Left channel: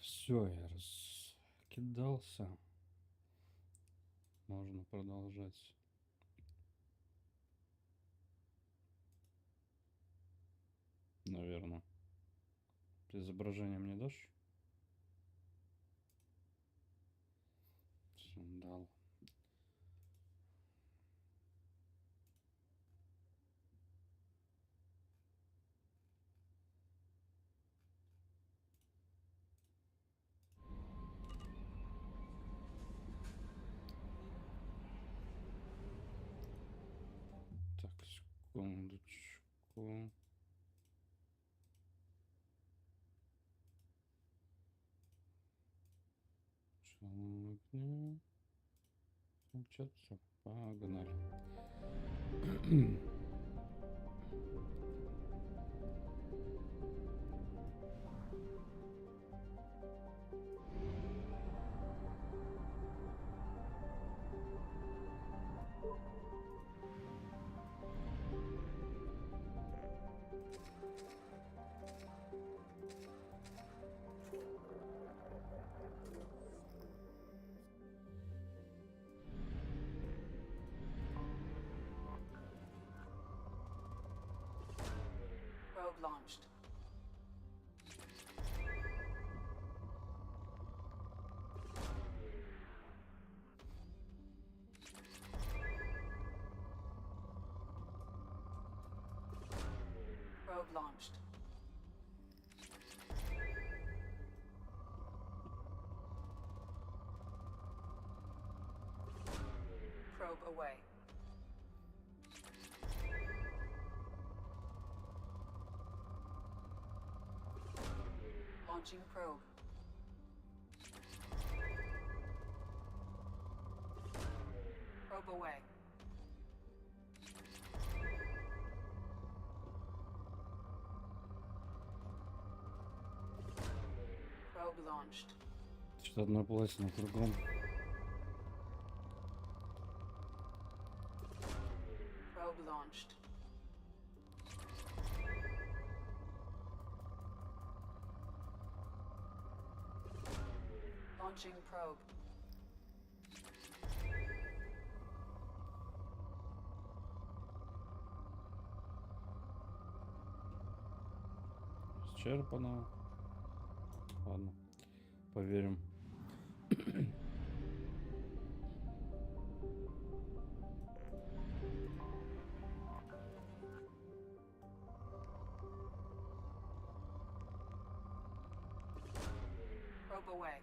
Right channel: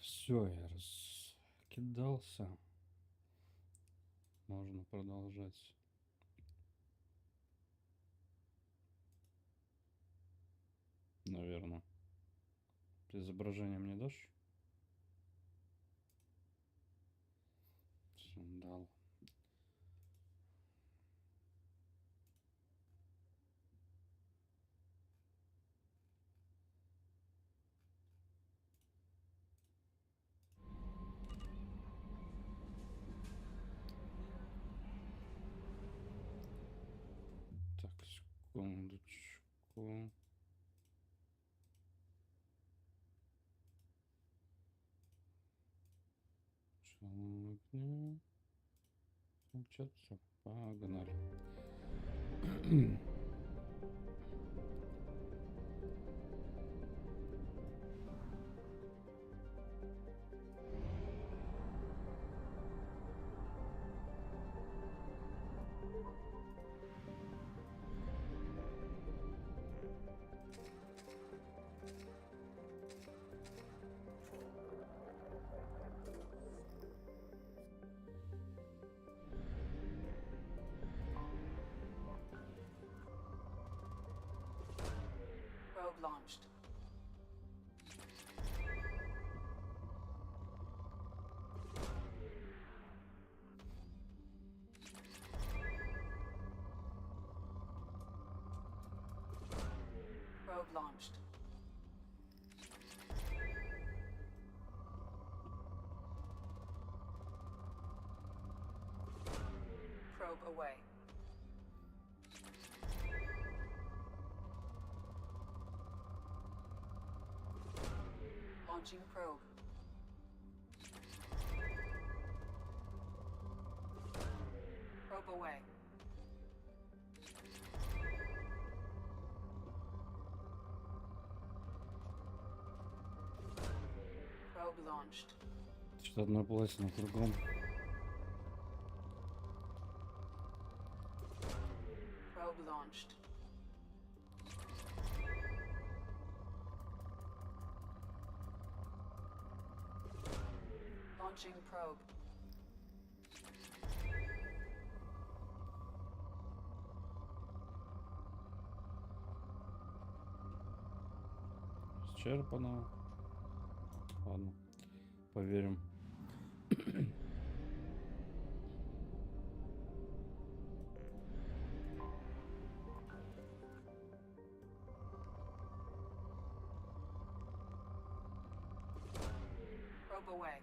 Все, я раскидался. Можно продолжать. Наверное. Ты изображение мне дашь? Дал. Так, секундочку. Включаться. Погнали. Probe launched. Probe launched. Probe away. Launching probe. Probe away. Probe launched. Что-то одна пластина кругом. Probe launched. Launching probe. Исчерпано. Ладно, поверим. Probe away.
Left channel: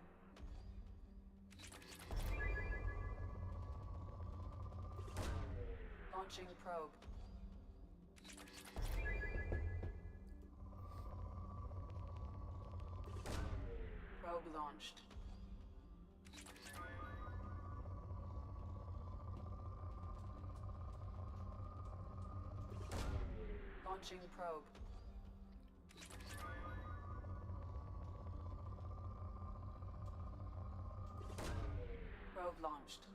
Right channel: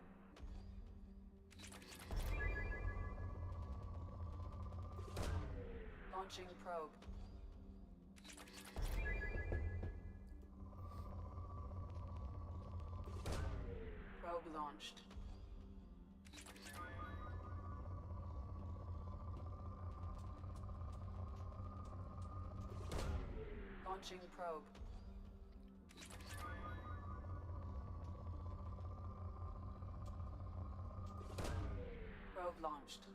Launching probe. Probe launched. Launching probe. Probe launched.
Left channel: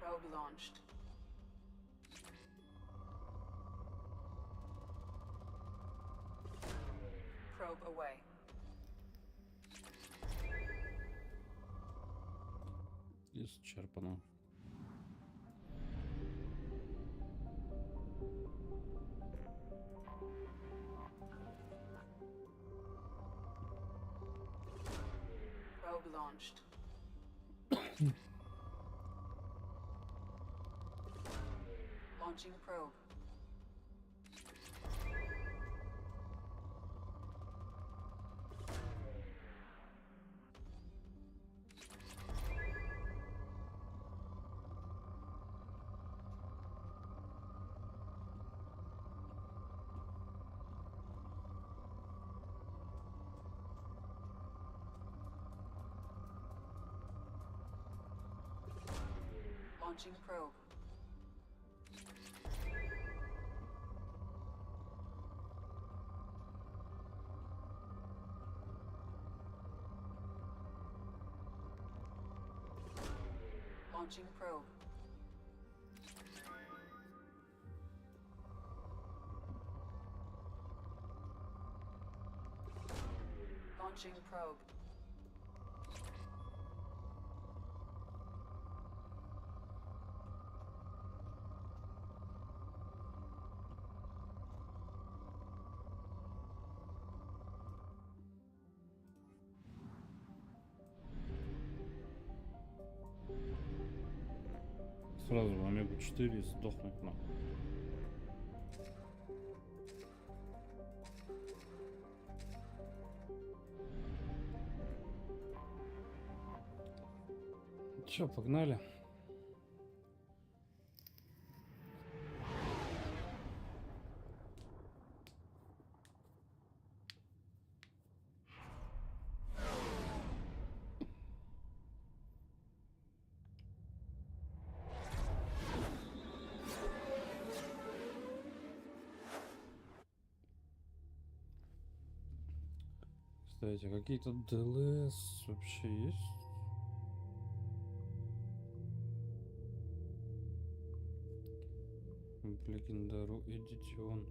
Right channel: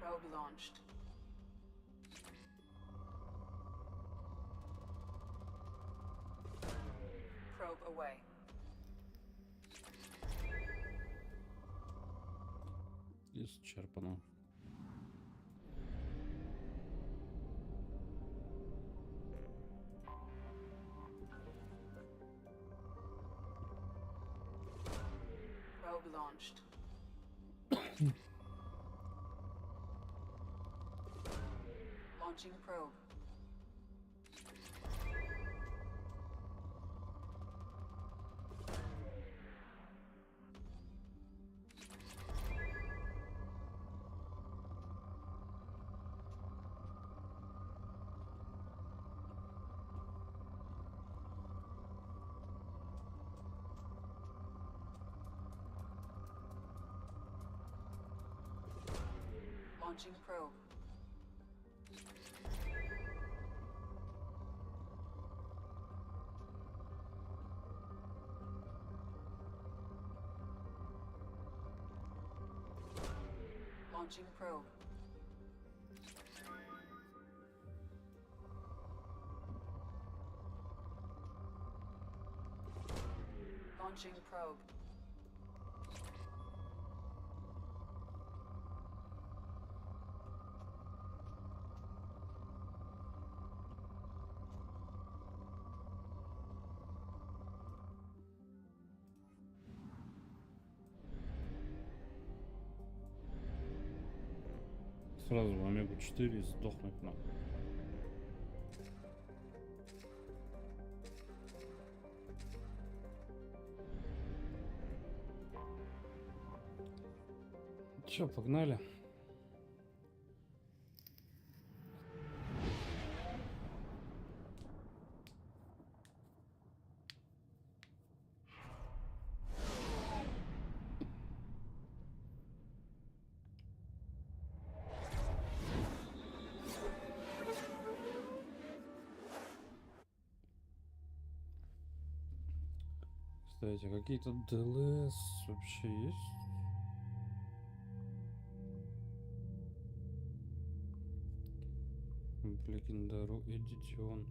Probe launched. Probe away. Исчерпано. Probe launched. Launching probe. Launching probe. Launching probe. Launching probe. Сразу в Омегу 4 сдохнуть нам. Че, погнали? Кстати, какие-то ДЛС вообще есть? Легендару Эдитион.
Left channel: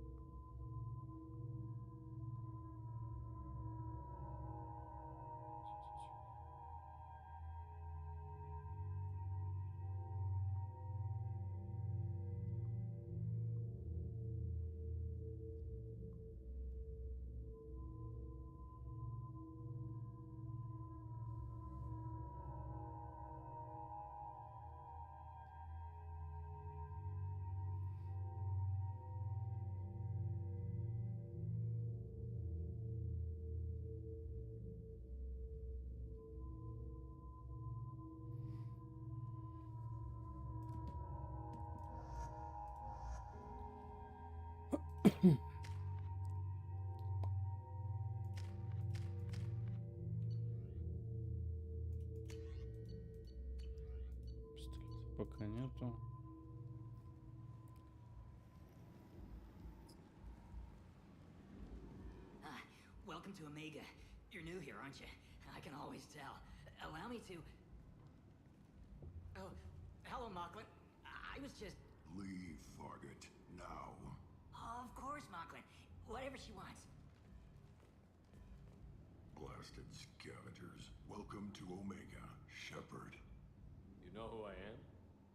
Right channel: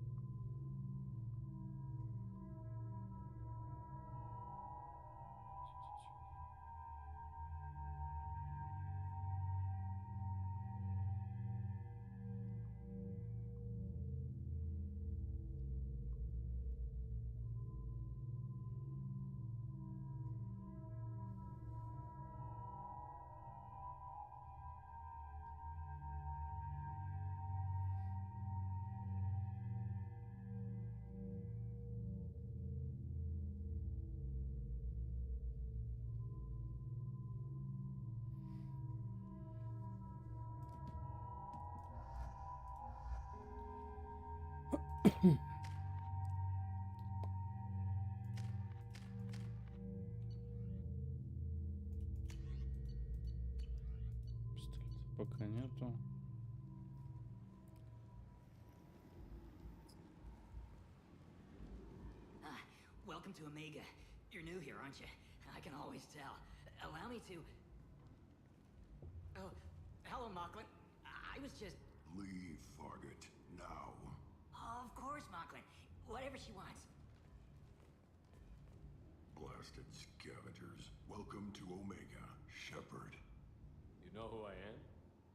Пистолета пока нету. Welcome to Omega. You're new here, aren't you? I can always tell. Allow me to... Oh, hello, Mocklin. I was just... Leave, Fargate, now. Of course, Mocklin. Whatever she wants. Blasted scavengers. Welcome to Omega, Shepard. You know who I am?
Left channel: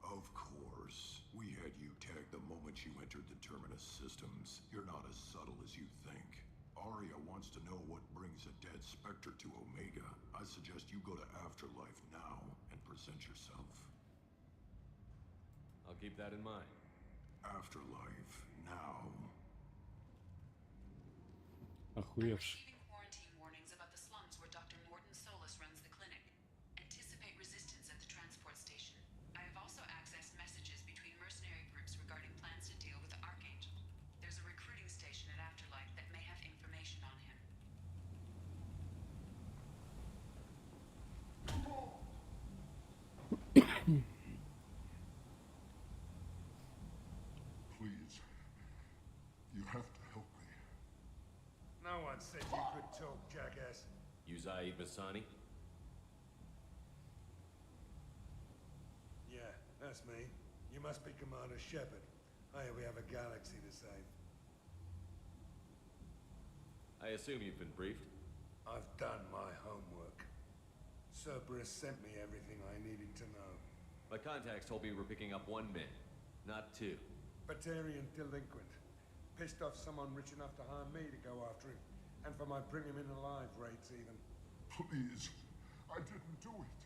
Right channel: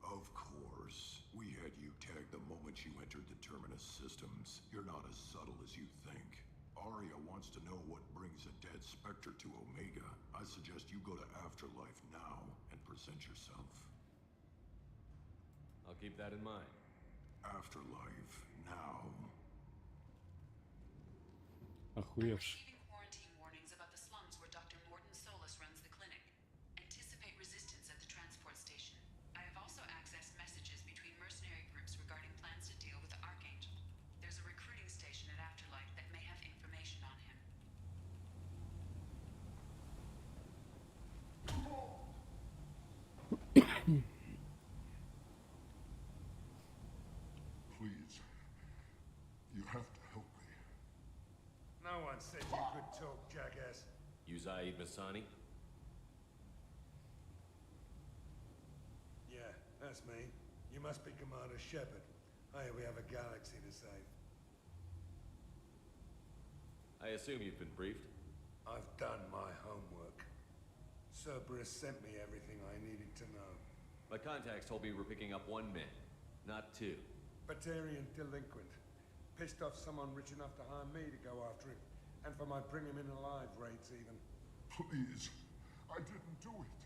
Of course. We had you tagged the moment you entered the Terminus systems. You're not as subtle as you think. Arya wants to know what brings a dead Spectre to Omega. I suggest you go to Afterlife now and present yourself. I'll keep that in mind. Afterlife now. Охуевший. Receiving quarantine warnings about the slums where Dr. Morton Solus runs the clinic. Anticipate resistance at the transport station. I have also accessed messages between mercenary groups regarding plans to deal with the Archangel. There's a recruiting station at Afterlife that may have information on him. Please. You have to help me. No one said you could talk, jackass. You Zaid Masani? Yeah, that's me. You must be Commander Shepard. Hey, we have a galaxy to save. I assume you've been briefed? I've done my homework. Cerberus sent me everything I needed to know. My contacts told me you were picking up one man, not two. Batarian delinquent. Pissed off someone rich enough to hire me to go after him. And for my bring him in alive rates even. Please. I didn't do it.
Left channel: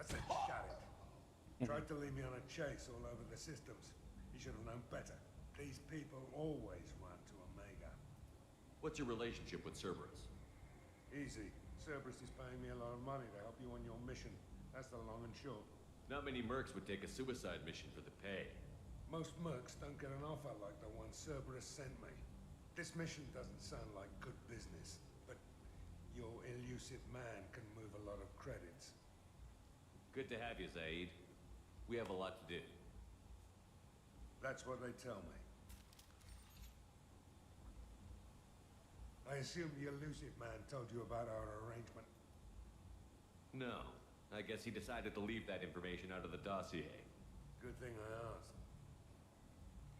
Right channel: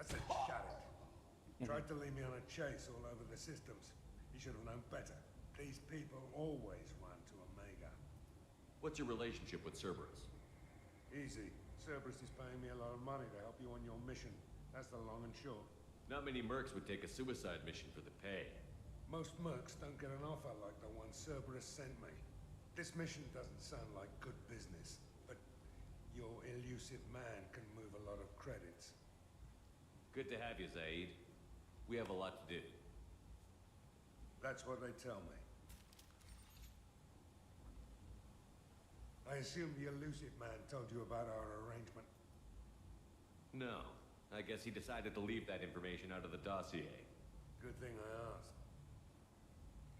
I said shut it. Tried to lead me on a chase all over the systems. He should have known better. These people always run to Omega. What's your relationship with Cerberus? Easy. Cerberus is paying me a lot of money to help you on your mission. That's the long and short. Not many mercs would take a suicide mission for the pay. Most mercs don't get an offer like the one Cerberus sent me. This mission doesn't sound like good business, but your elusive man can move a lot of credits. Good to have you, Zaid. We have a lot to do. That's what they tell me. I assume the elusive man told you about our arrangement. No. I guess he decided to leave that information out of the dossier. Good thing I asked.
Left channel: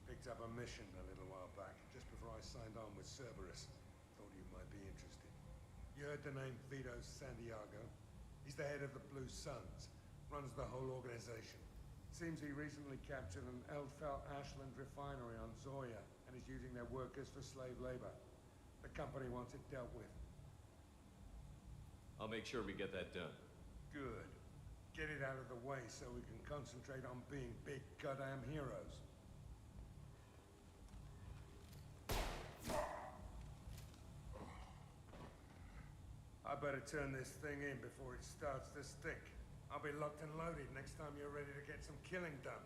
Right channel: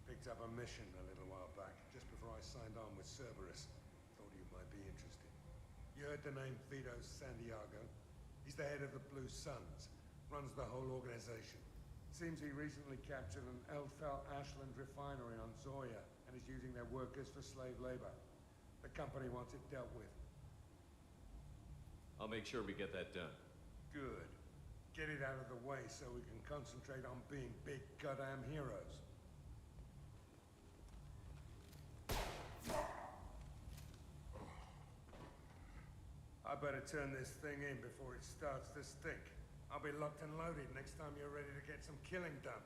Picked up a mission a little while back, just before I signed on with Cerberus. Thought you might be interested. You heard the name Vito Santiago? He's the head of the Blue Suns, runs the whole organization. Seems he recently captured an Elfell Ashland refinery on Zoya and is using their workers for slave labor. The company wants it dealt with. I'll make sure we get that done. Good. Get it out of the way so we can concentrate on being big goddamn heroes. I better turn this thing in before it starts to stink. I'll be locked and loaded next time you're ready to get some killing done.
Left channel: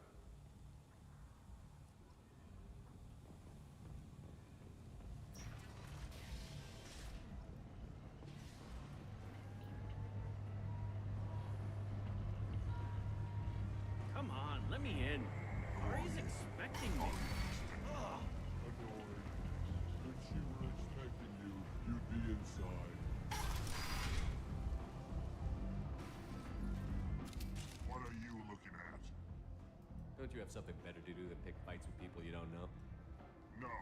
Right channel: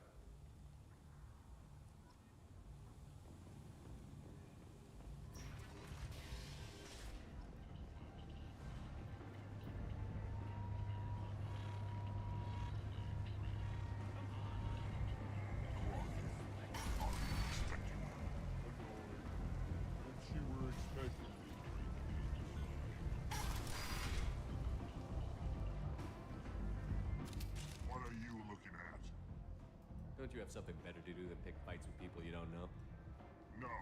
Come on, let me in. Ari's expecting me. Annoyed. When she were expecting you, you'd be inside. What are you looking at? Don't you have something better to do than pick fights with people you don't know? No,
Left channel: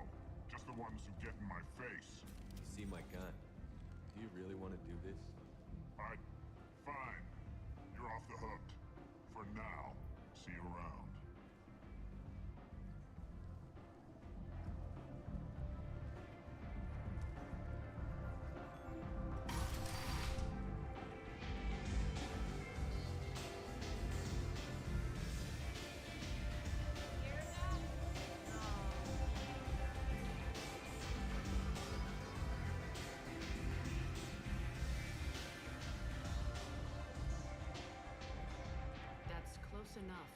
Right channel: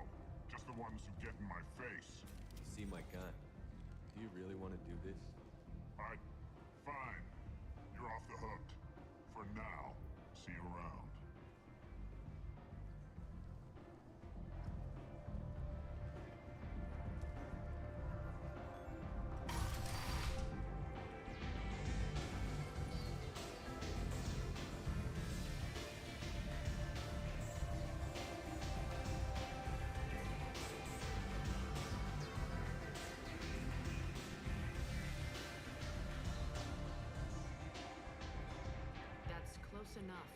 just the ones who get in my face. You see my gun. Do you really want to do this? Fine. You're off the hook. For now. See you around. That's close enough.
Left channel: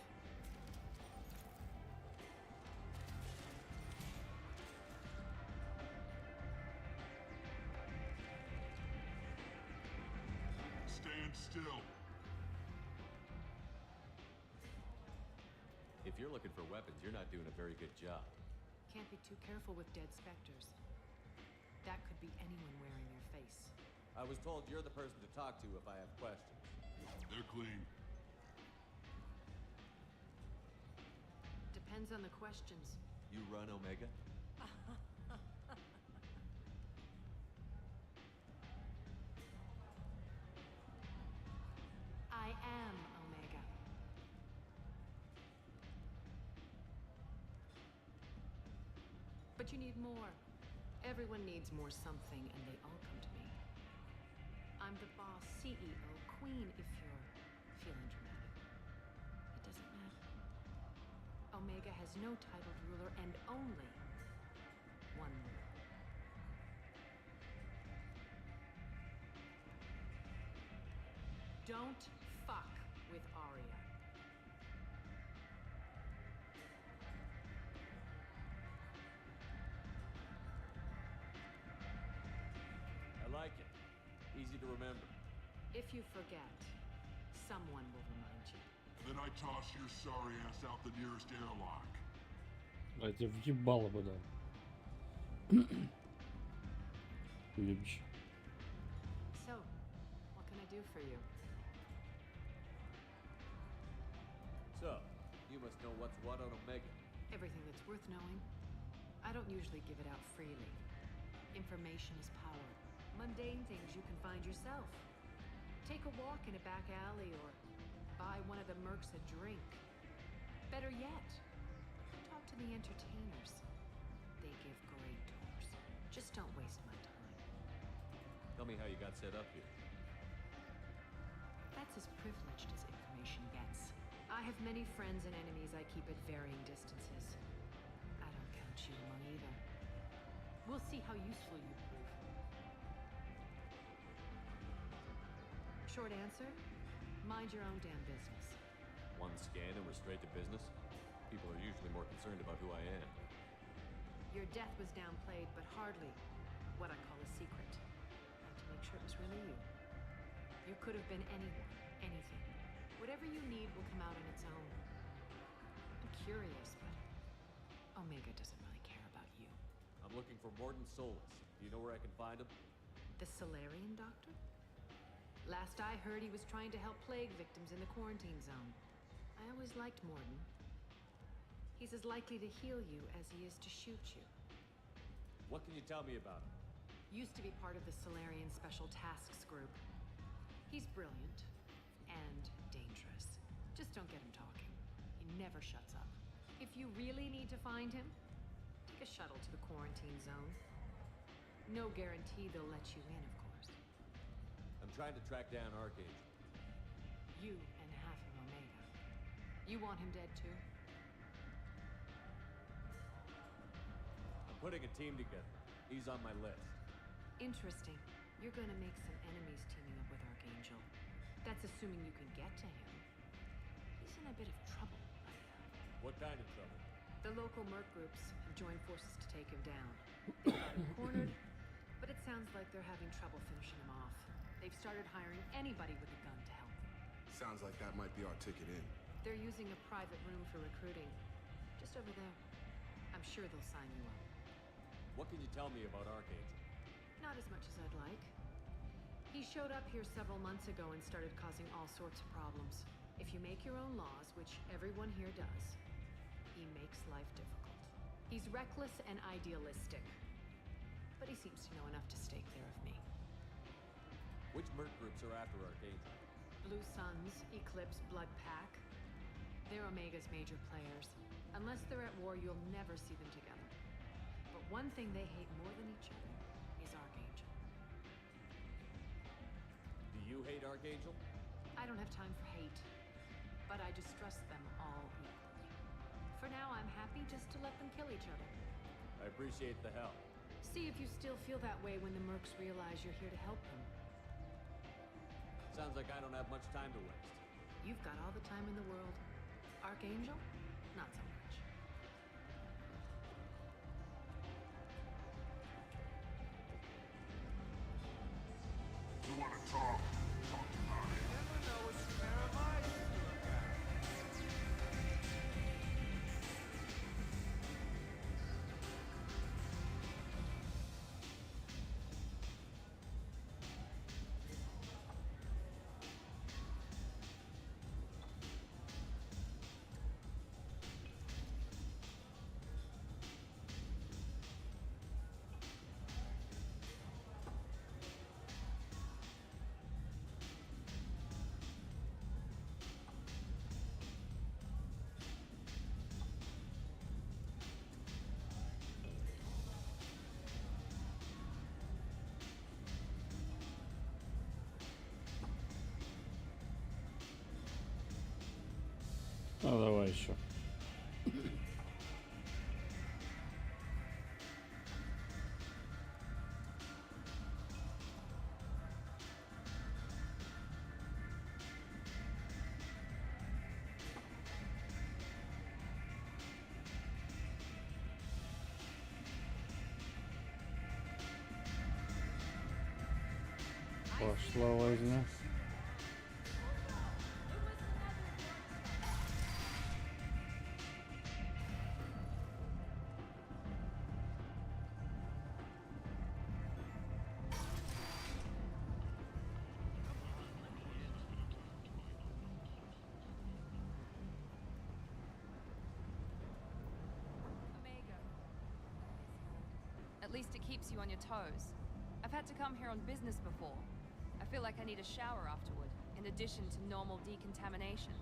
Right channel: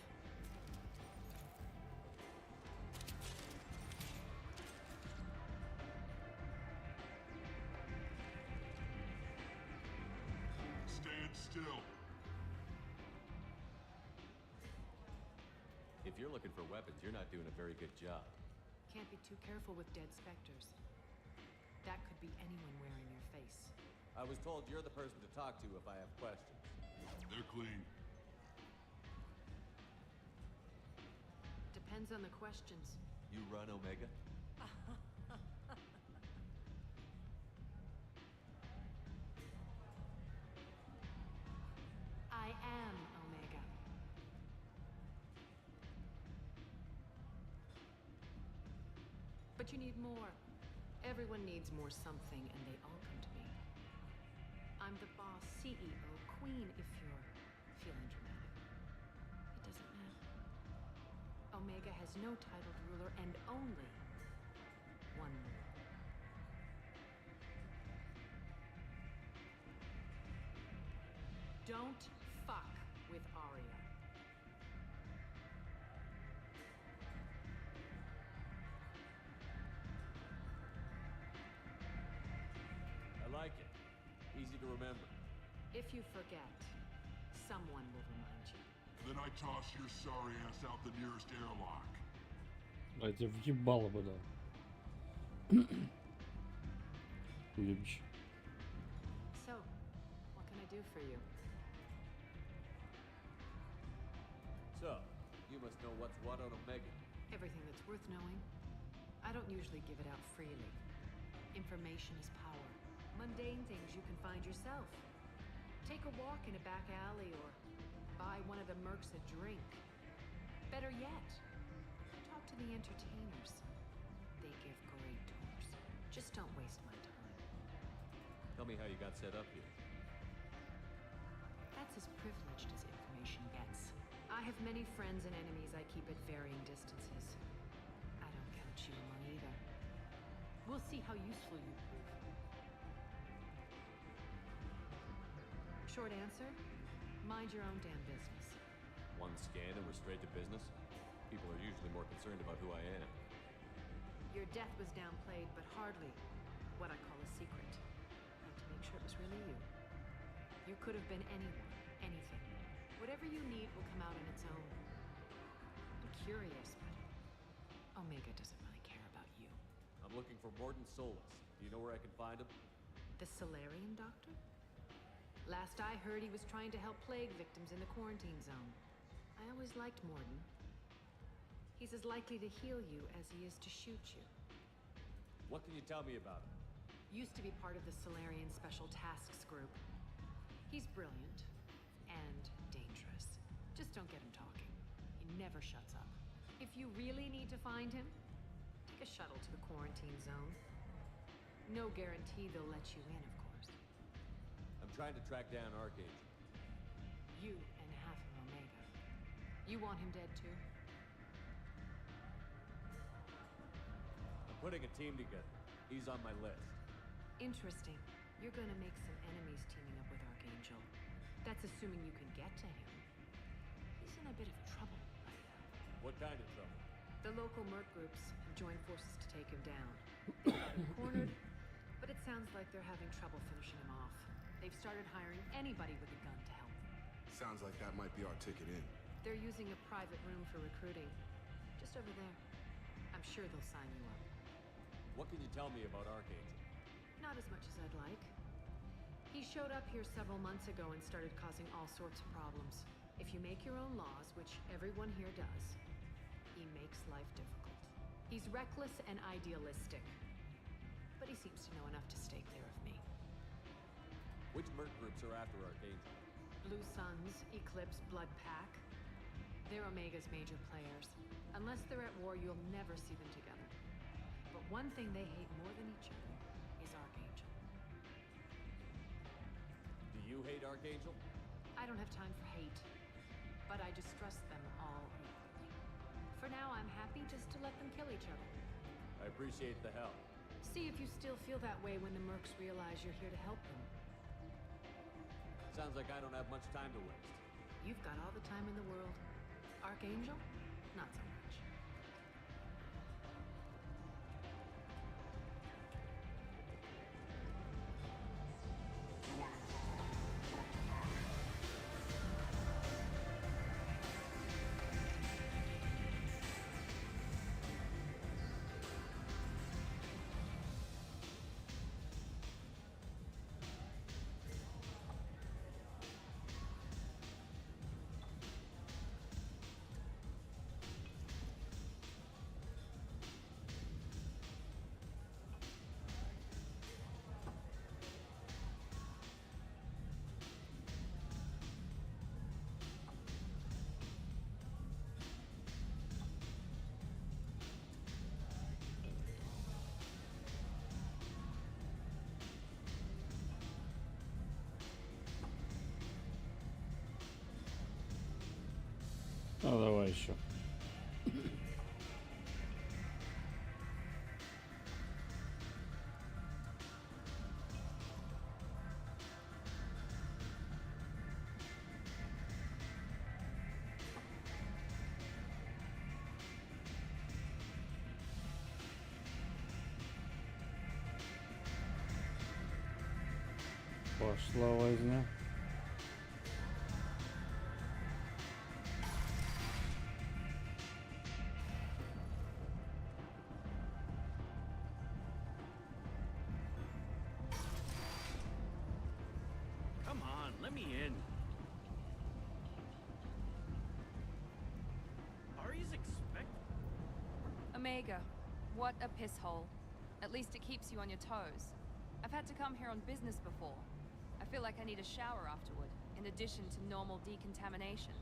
Stand still. If you're looking for weapons, you're not doing a very good job. Can't be too careful with dead specters. That could be anyone wearing your face. I was told you're the person to talk to if I have questions. They're clean. Depends on the questions. You run Omega? I am Omega. But you need more. Everyone needs more something, and they all come to me. I'm the boss, CEO, queen, if you're feeling dramatic. It doesn't matter. Omega has no titled ruler and only one ruler. Don't fuck with Arya. I like it. Easy to remember. If you forget, someone will remind you. Then I toss your sorry ass out the nearest airlock. А я тебе въебало бы дал. Уебище. So, what can I do for you? So, you must know what's what on Omega. Everything that's worth knowing. I don't usually give it out freely. Information is power. Mundane things you can find yourself. Take a walk in a back alley or buy one of the mercs a drink. Better yet, talk to the entertainers. They give great tours. Just don't waste my time. Tell me how you got set up here. That's as privileged as information gets. I have many friends and enemies I keep at varying distances. I don't count you among either. We'll see how useful you prove. Short answer, mind your own damn business. One scan and we're straight to business? People are usually more concerned about who I am. Your death was downplayed, but hardly what I call a secret. I had to make sure it was really you. You could have been anyone, anything. Whatever you need will come out on its own. I'm curious, but Omega doesn't really care about you. I'm looking for Morden Solus. Do you know where I can find him? The Solarian doctor? Last I heard, he was trying to help plague victims in the quarantine zone. I always liked Morden. He's as likely to heal you as he is to shoot you. What can you tell me about him? Used to be part of the Solarian Special Tasks Group. He's brilliant and dangerous. Just don't get him talking. He never shuts up. If you really need to find him, take a shuttle to the quarantine zone. No guarantee they'll let you in, of course. I'm trying to track down Archangel. You and half of Omega. You want him dead too? I'm putting a team together. He's on my list. Interesting. You're gonna make some enemies teaming up with Archangel. That's assuming you can get to him. He's in a bit of trouble right now. What kind of trouble? The local merc groups have joined forces to take him down. They've got him cornered, but it sounds like they're having trouble finishing him off. They've started hiring anybody with a gun to help them. Sounds like that might be our ticket in. They're using a private room for recruiting. Just over there. I'm sure they'll sign you up. What can you tell me about Archangel? Not as much as I'd like. He showed up here several months ago and started causing all sorts of problems. If you make your own laws, which everyone here does, he makes life difficult. He's reckless and idealistic. But he seems to know enough to stay clear of me. Which merc groups are after Archangel? Blue Suns, Eclipse, Blood Pack. They're Omega's major players. Unless they're at war, you'll never see them together. But one thing they hate more than each other is Archangel. Do you hate Archangel? I don't have time for hate, but I distrust them all equally. For now, I'm happy just to let them kill each other. I appreciate the help. See if you still feel that way when the mercs realize you're here to help them. Sounds like I don't have much time to waste. You've got all the time in the world. Archangel? Not so much. You wanna talk? Talk to Aria. Ну, давай еще. Пошла возня. Come on, let me in. Ari's expect. Omega, what a piss hole. At least it keeps you on your toes. I've had to come here on business before. I feel like I need a shower afterward, in addition to normal decontamination.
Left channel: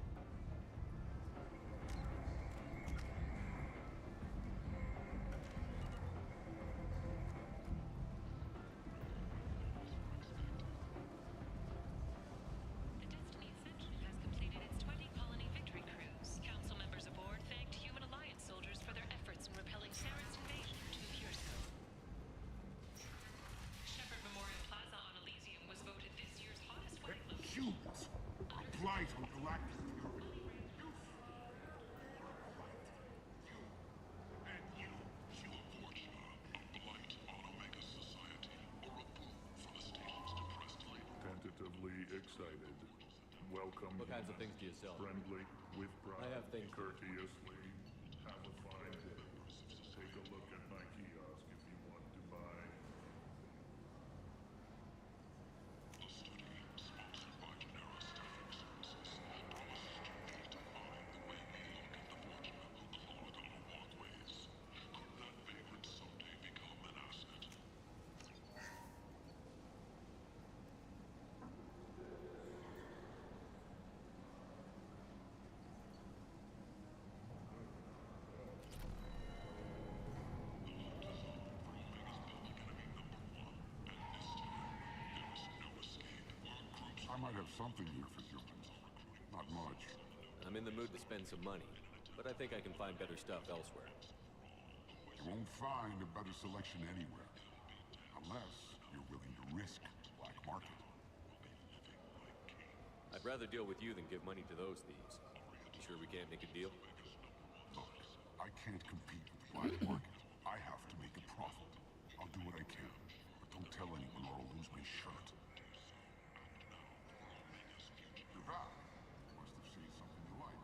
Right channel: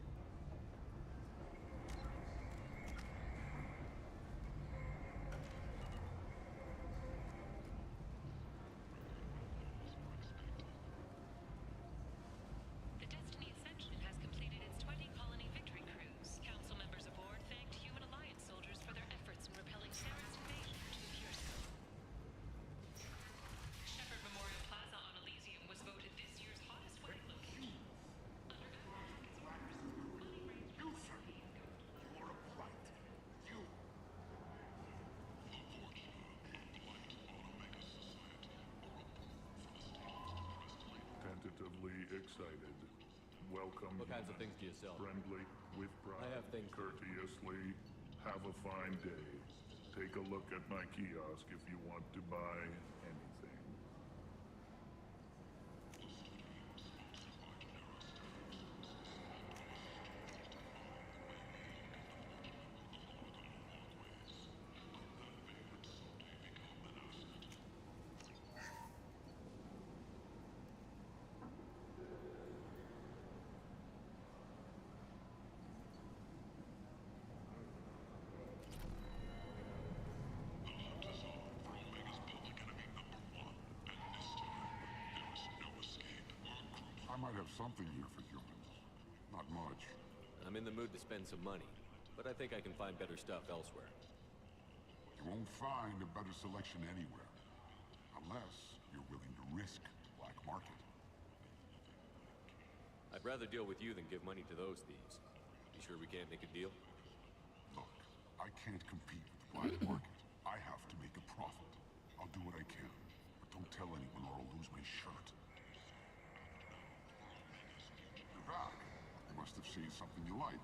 The Destiny Ascension has completed its 20-colony victory cruise. Council members aboard thanked Human Alliance soldiers for their efforts in repelling Sarah's invasion to Curso. Shepherd Memorial Plaza on Elysium was voted this year's hottest wedding location. Humans. Blight on galactic fury. You, sir. You're a blight. You. And you. Tentatively excited. Welcome. What kinds of things do you sell? Friendly, with pride, I have things to- courteously. Have a fine day. Take a look at my kiosk if you want to buy anything. have something here for humans. Not much. I'm in the mood to spend some money, but I think I can find better stuff elsewhere. You won't find a better selection anywhere. Unless you're willing to risk the black market. I'd rather deal with you than give money to those thieves. You sure we can't make a deal? Look, I can't compete with the black market. I have to make a profit. I'll do what I can, but don't tell anyone or I'll lose my shirt. You're back. You must have seen something you like.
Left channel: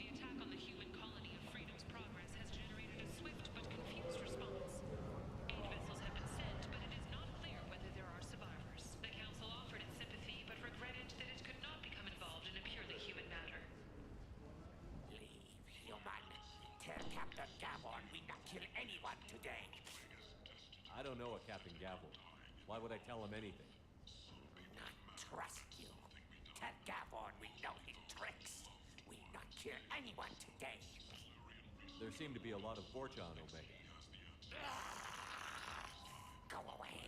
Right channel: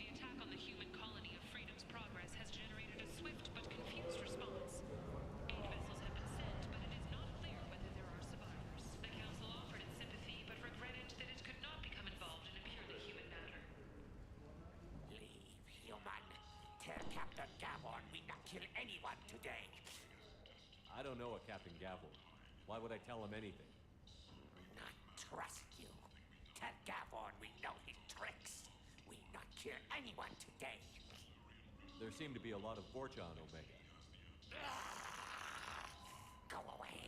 The attack on the human colony of Freedom's Progress has generated a swift but confused response. 8 vessels have been sent, but it is not clear whether there are survivors. The Council offered its sympathy, but regretted that it could not become involved in a purely human matter. Leave, human. Tell Captain Gavon we not kill anyone today. I don't know a Captain Gavel. Why would I tell him anything? Not trust you. Tell Gavon we know his tricks. We not kill anyone today. There seem to be a lot of Fortune on Omega. Go away.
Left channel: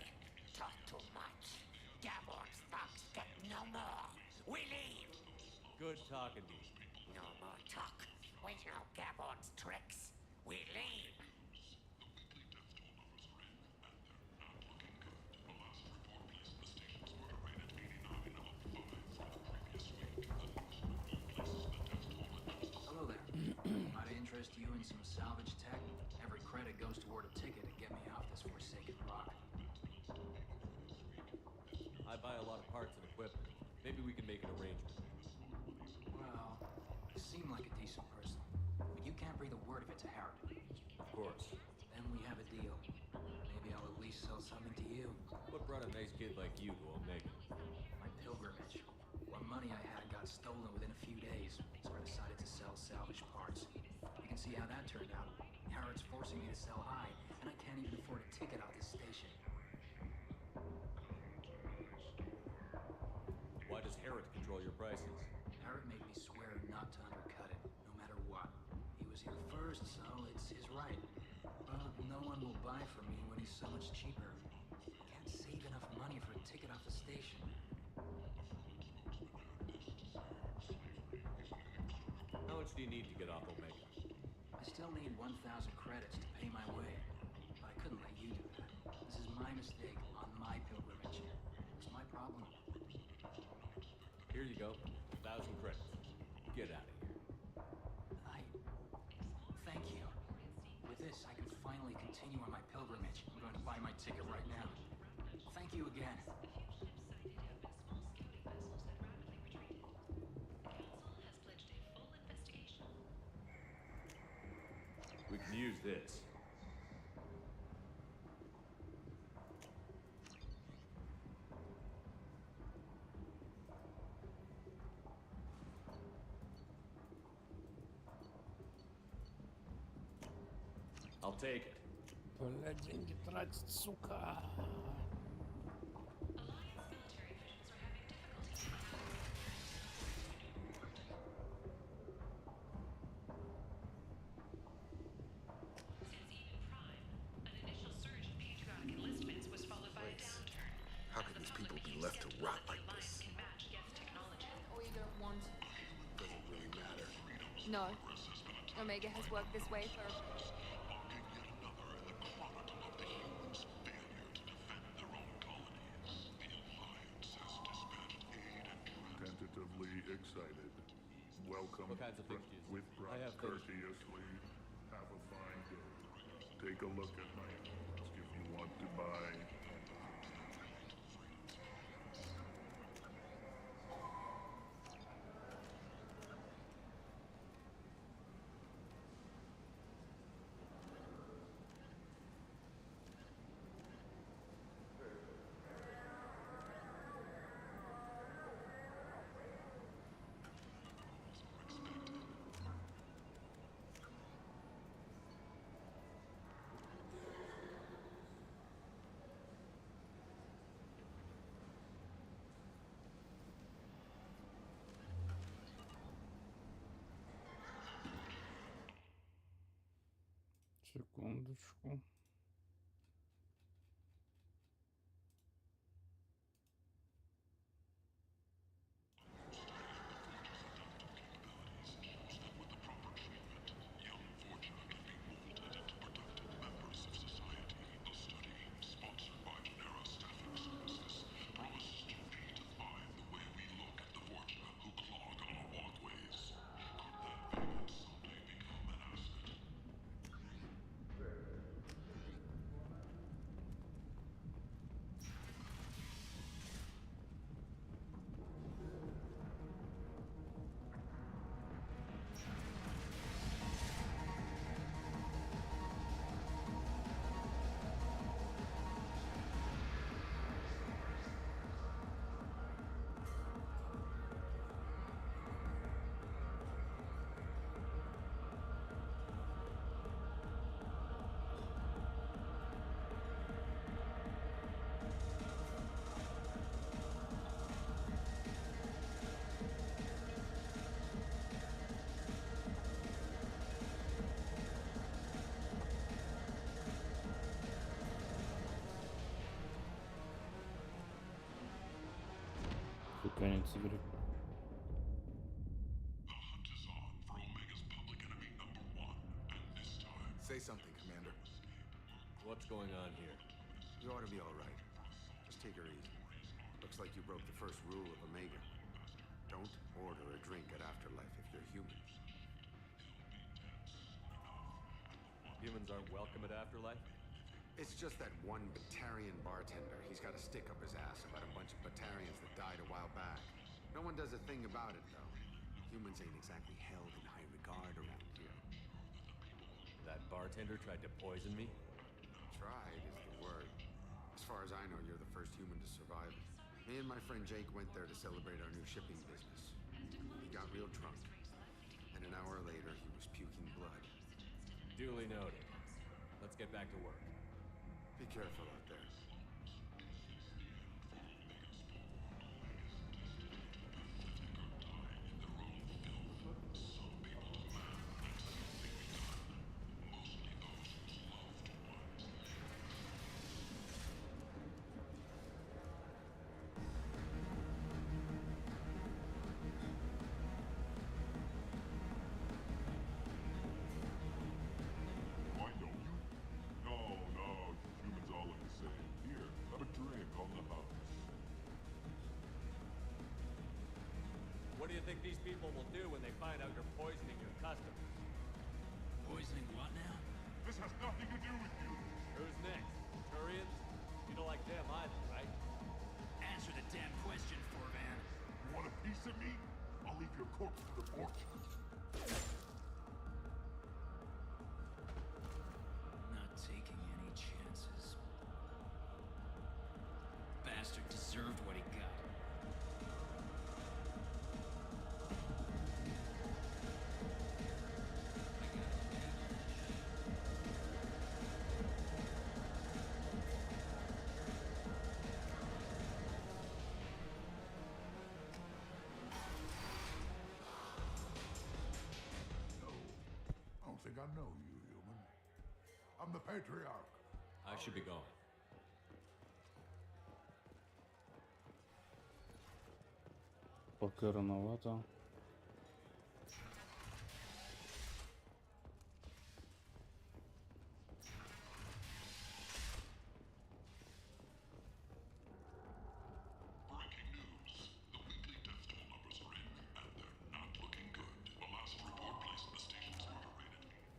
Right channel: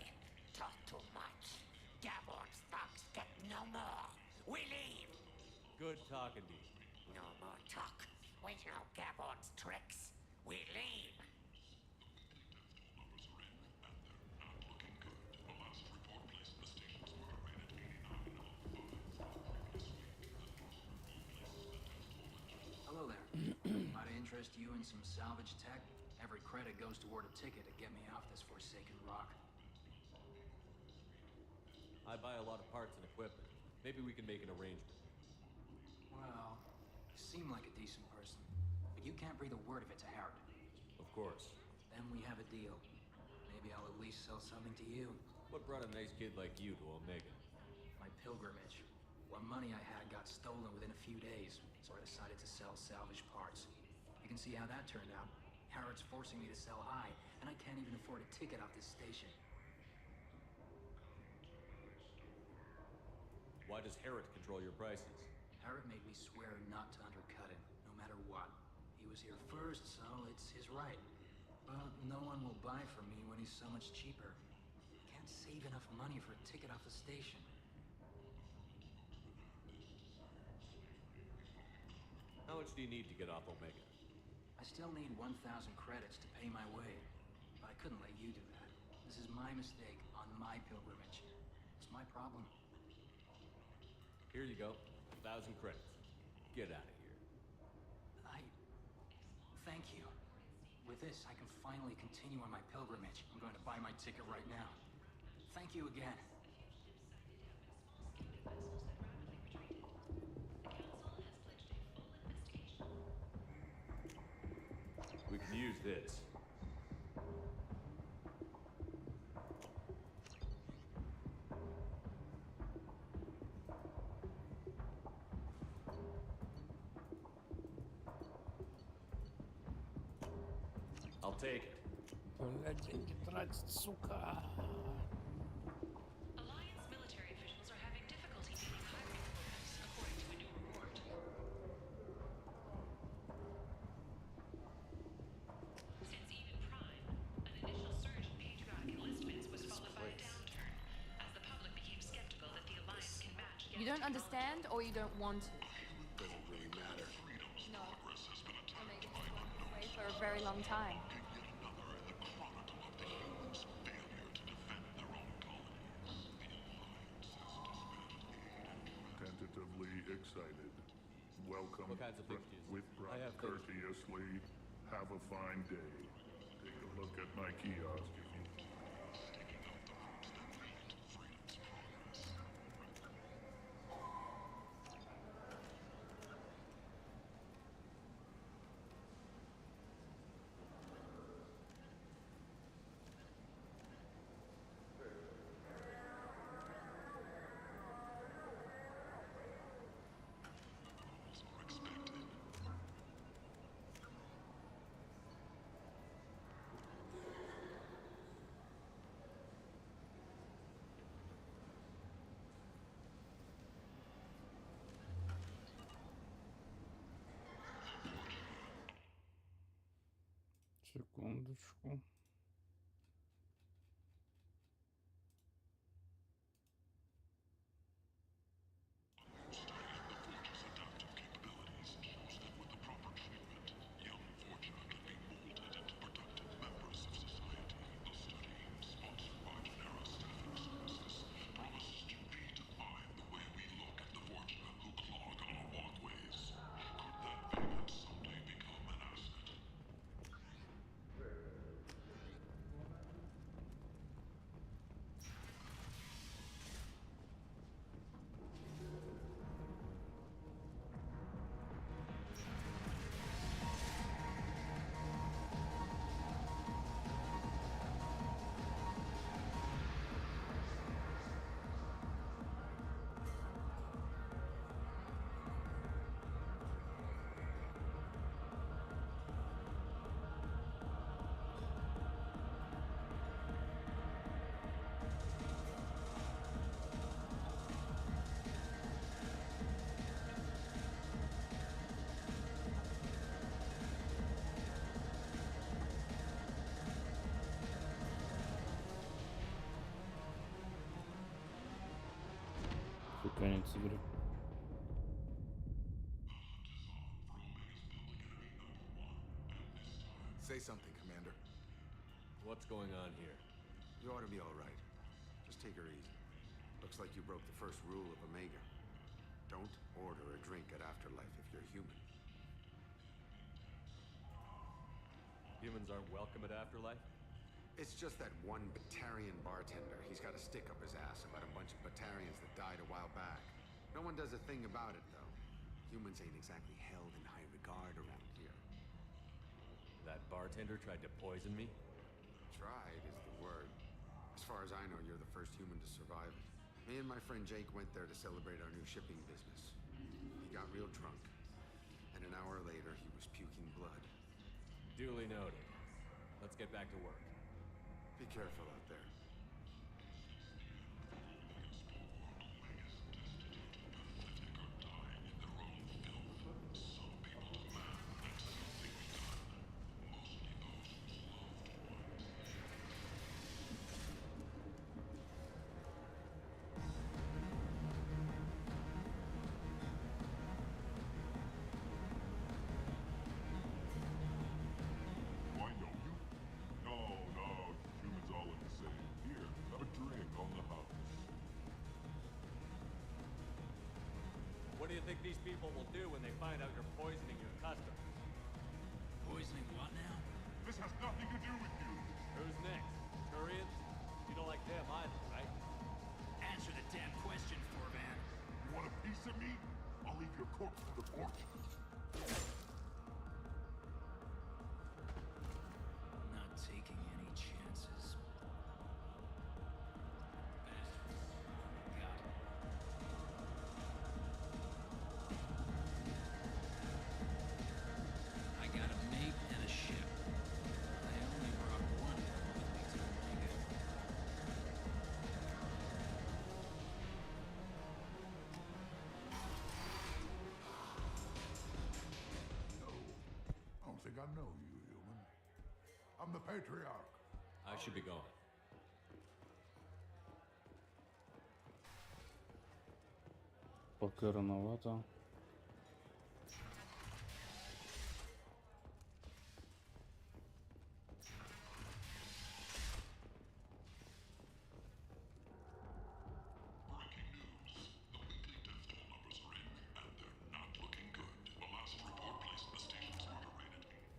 Talk too much. Gavon's thugs get no more. We leave. Good talking to you. No more talk. We know Gavon's tricks. We leave. Hello there. Might I interest you in some salvage tech? Every credit goes toward a ticket to get me off this forsaken rock. I buy a lot of parts and equipment. Maybe we can make an arrangement. Well, you seem like a decent person, but you can't breathe a word of it to Harrod. Of course. Then we have a deal. Maybe I'll at least sell something to you. What brought a nice kid like you to Omega? My pilgrimage. What money I had got stolen within a few days, so I decided to sell salvage parts. You can see how that turned out. Harrod's forcing me to sell high, and I can't even afford a ticket off this station. Why does Harrod control your prices? Harrod made me swear not to undercut it, no matter what. He was here first, so it's his right. But no one will buy from me when he's so much cheaper. Can't save enough money for a ticket off the station. How much do you need to get off Omega? I still need 1,000 credits to pay my way. But I couldn't let you do that. This is my mistake on my pilgrimage. It's my problem. Here you go. 1,000 credits. Get out of here. Thank you. With this, I can finally continue on my pilgrimage. I'm going to buy my ticket right now. Thank you again. We can use this. I'll take it. Блядь, деньги тратить, сука. Alliance military officials are having difficulty getting hiring requests, according to a new report. Since even Prime, an initial surge in patriotic enlistments was followed by a downturn, as the public became skeptical that the Alliance can match You don't understand or you don't want to? Doesn't really matter. No. Omega has worked this way for a very long time. Tentatively excited. Welcome. What kinds of things do you with I have things. courteously. Have a fine day. Take a look at my kiosk if you want to buy. Секундочку. Конец игры. Say something, Commander. What's going on here? You ought to be all right. Just take her easy. Looks like you broke the first rule of Omega. Don't order a drink at Afterlife if you're human. Humans aren't welcome at Afterlife? It's just that one Batarian bartender. He's got a stick up his ass about a bunch of Batarians that died a while back. No one does a thing about it, though. Humans ain't exactly held in high regard around here. That bartender tried to poison me? Tried is the word. As far as I know, you're the first human to survive it. Me and my friend Jake went there to celebrate our new shipping business. He got real drunk, and an hour later, he was puking blood. Duly noted. Let's get back to work. Be careful out there. What do you think these people will do when they find out you're poisoning your customers? Poisoning what now? This has nothing to do with you. Who's next? Turians? You don't like them either, right? Answer the damn question, Forvan. You want a piece of me? I'll leave your corpse to the fortune. Not taking any chances. Bastard deserved what he got. I got a mate and a ship. I don't think I know you, human. I'm the Patriarch. I should be going. Пока рановато. Breaking news. The weekly death toll numbers are in, and they're not looking good. The last report placed the station's murder rate at 5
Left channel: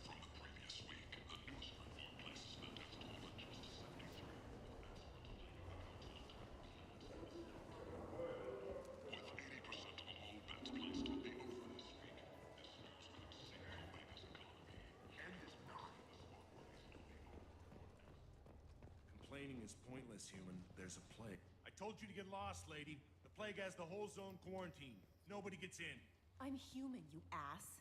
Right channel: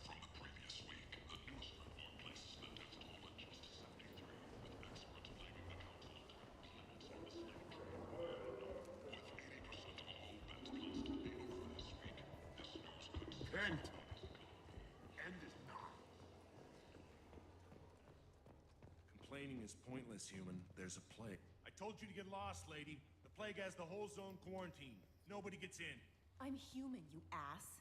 from the previous week. The newest report places the death toll at just 73, with experts blaming the Council of With 80% of all bets placed on the over this week, this news could save Omega's economy. End is not. Complaining is pointless, human. There's a plague. I told you to get lost, lady. The plague has the whole zone quarantined. Nobody gets in. I'm human, you ass.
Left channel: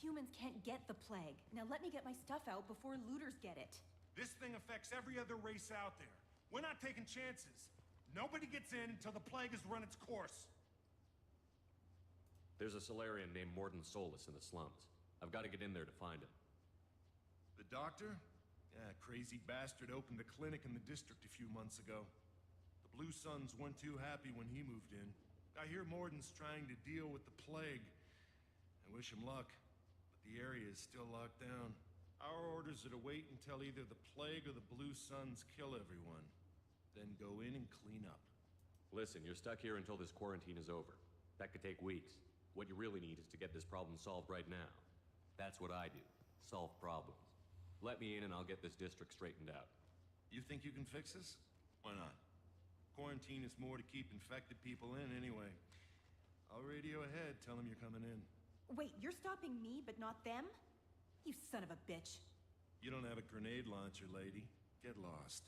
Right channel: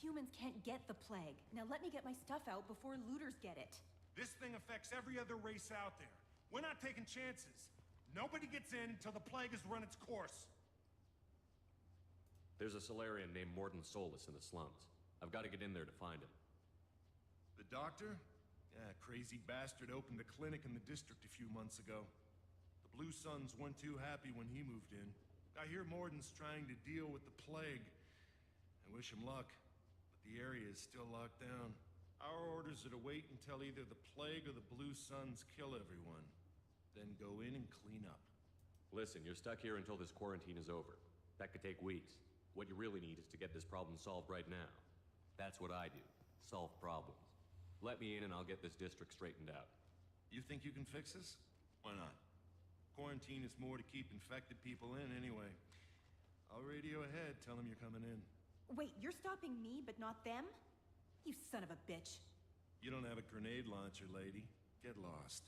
Humans can't get the plague. Now let me get my stuff out before looters get it. This thing affects every other race out there. We're not taking chances. Nobody gets in until the plague has run its course. There's a Solarian named Morden Solus in the slums. I've got to get in there to find him. The doctor? Yeah, crazy bastard opened a clinic in the district a few months ago. The Blue Suns weren't too happy when he moved in. I hear Morden's trying to deal with the plague. I wish him luck, but the area is still locked down. Our orders are to wait until either the plague or the Blue Suns kill everyone. Then go in and clean up. Listen, you're stuck here until this quarantine is over. That could take weeks. What you really need is to get this problem solved right now. That's what I do. Solve problems. Let me in and I'll get this district straightened out. You think you can fix this? Why not? Quarantine is more to keep infected people in anyway. I'll radio ahead, tell them you're coming in. Wait, you're stopping me, but not them? You son of a bitch. You don't have a grenade launcher, lady. Get lost.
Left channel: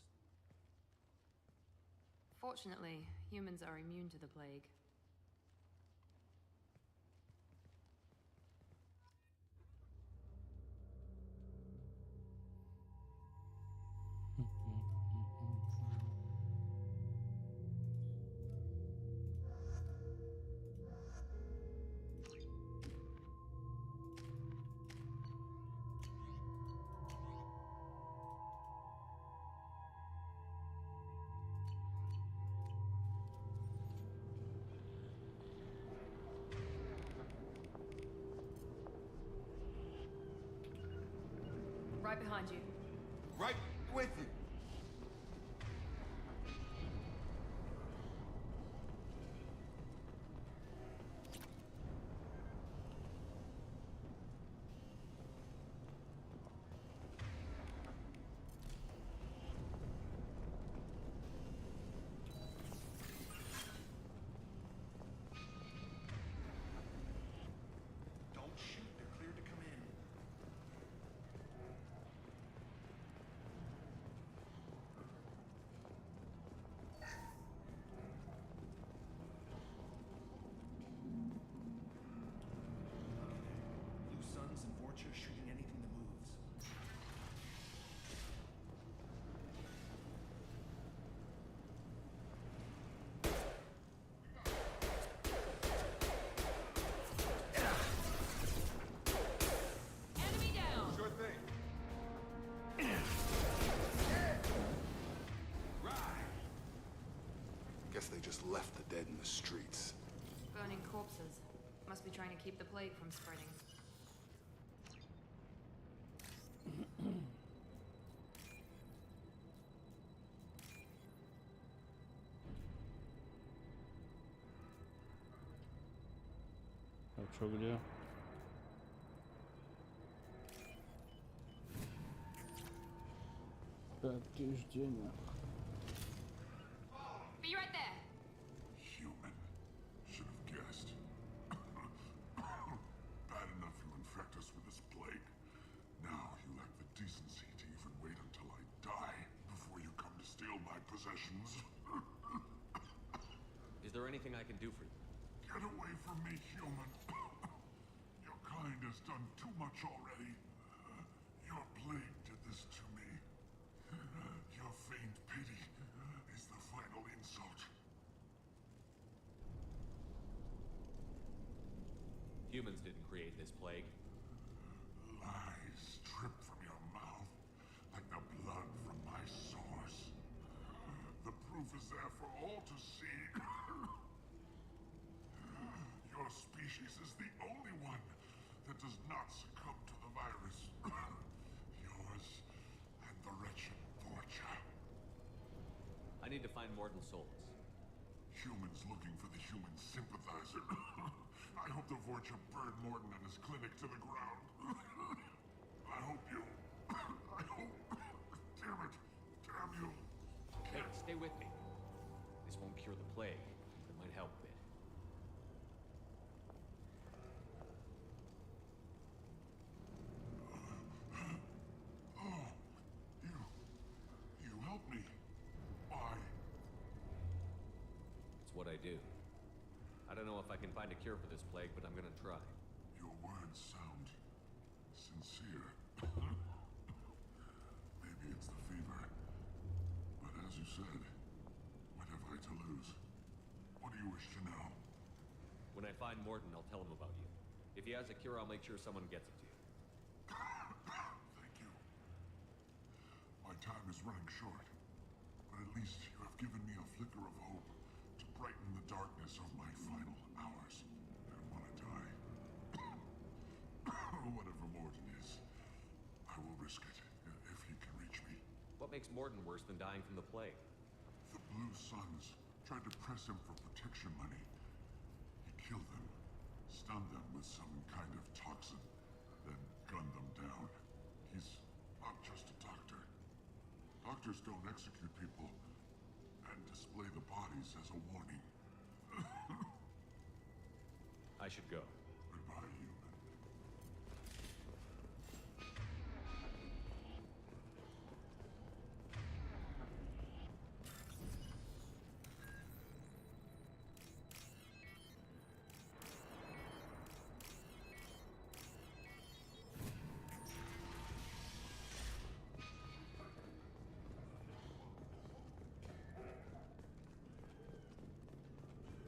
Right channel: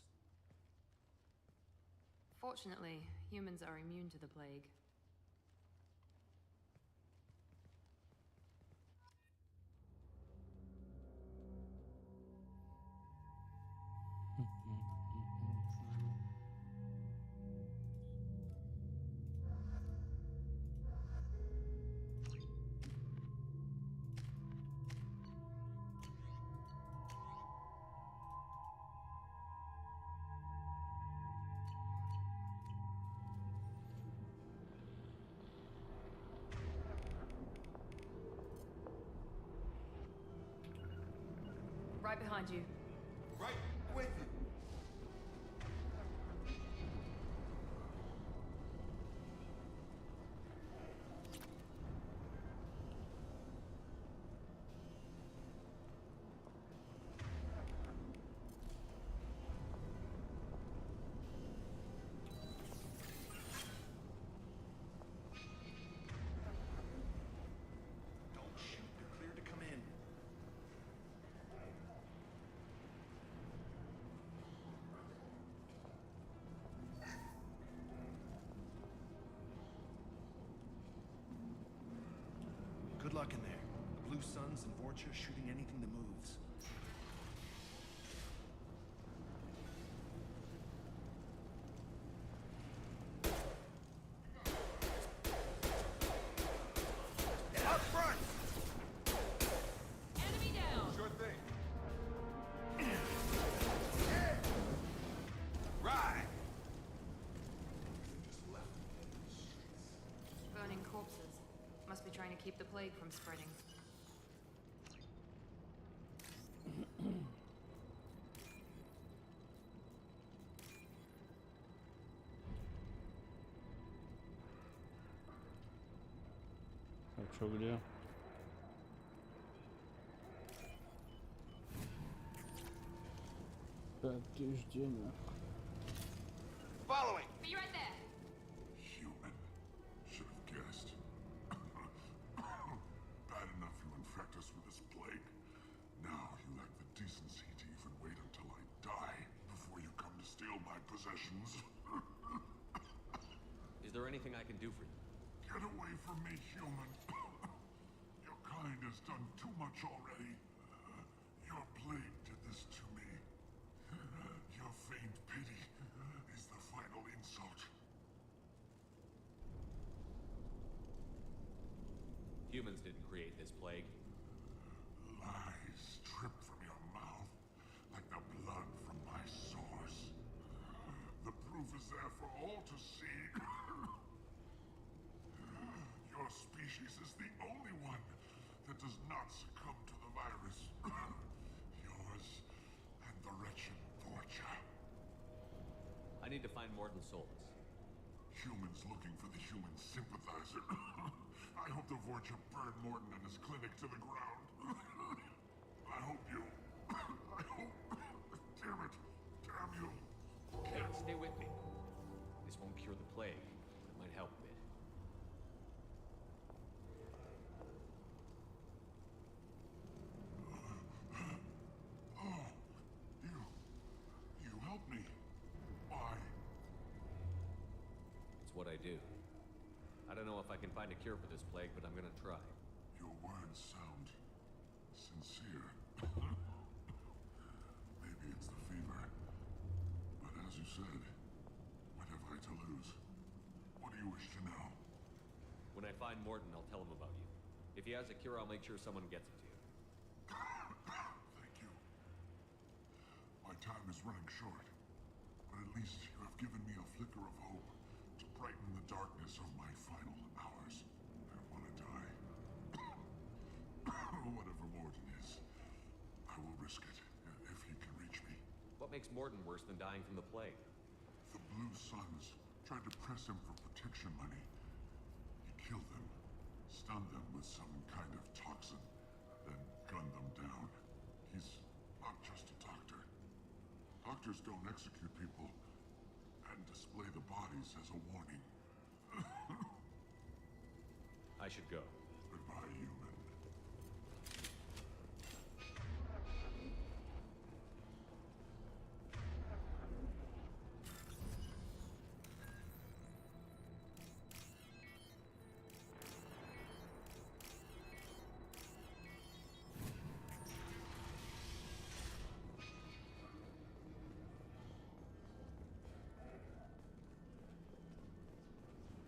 Fortunately, humans are immune to the plague. Right behind you. Right with you. Don't shoot, they're cleared to come in. Good luck in there. Blue Suns and Vorcha shooting anything that moves. Enemy down! Sure thing. Right. Guess they just left the dead in the streets. Burning corpses. Must be trying to keep the plague from spreading. А чё, где? Подтверждение. Following. Be right there! Human. Should have guessed. Bad enough you infect us with this plague. Now you lack the decency to even wait until I die before you come to steal my possessions. Is there anything I can do for you? Get away from me, human. Your kind has done too much already. Your plague did this to me. Your faint pity is the final insult. Humans didn't create this plague. Lies drip from your mouth like the blood from my sores. The proof is there for all to see. Your species is the only one that does not succumb to the virus. Yours and the wretched Vorcha. I need to find Morden Solus. Humans looking for the human sympathizer. I hope the Vorcha burned Morden and his clinic to the ground. I hope you... I hope... Damn it. Damn you. Hey, stay with me. This won't cure the plague, but it might help a bit. Oh, you help me. Why? It's what I do. I don't know if I can find a cure for this plague, but I'm gonna try. Your words sound sincere. Maybe it's the fever. But as you said, whatever fight to lose. What do you wish to know? When I find Morton, I'll tell him about you. If he has a cure, I'll make sure someone gets it to you. Thank you. My time is running short, but at least you have given me a flicker of hope to brighten the darkness of my final hours. I want to die. Whatever Morton is, I will risk it if he can reach me. What makes Morton worse than dying from the plague? The Blue Suns tried to press him for protection money. He killed them, stunned them with some kind of toxin, then gunned them down. He's not just a doctor. Doctors don't execute people and display the bodies as a warning. I should go. Goodbye, human.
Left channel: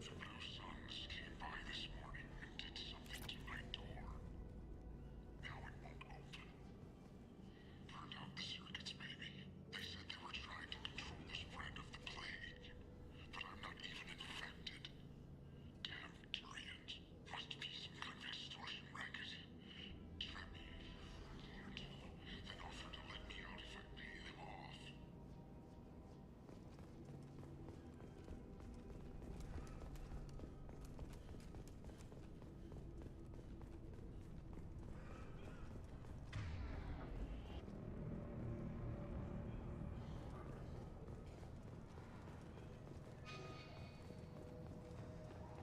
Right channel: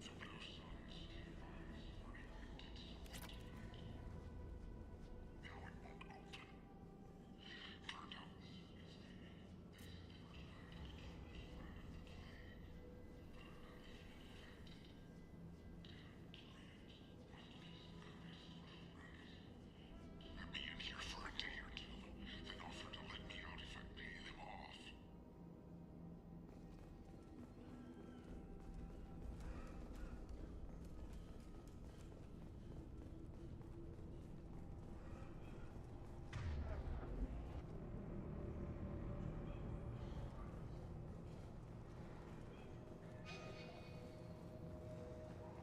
The Blue Suns came by this morning and did something to my door. Now it won't open. Turned out the circuits, maybe. They said they were trying to control the spread of the plague. But I'm not even infected. Damn Tyrians. Must be some kind of extortion racket. Trap me in here for a day or two, then offer to let me out if I pay them off.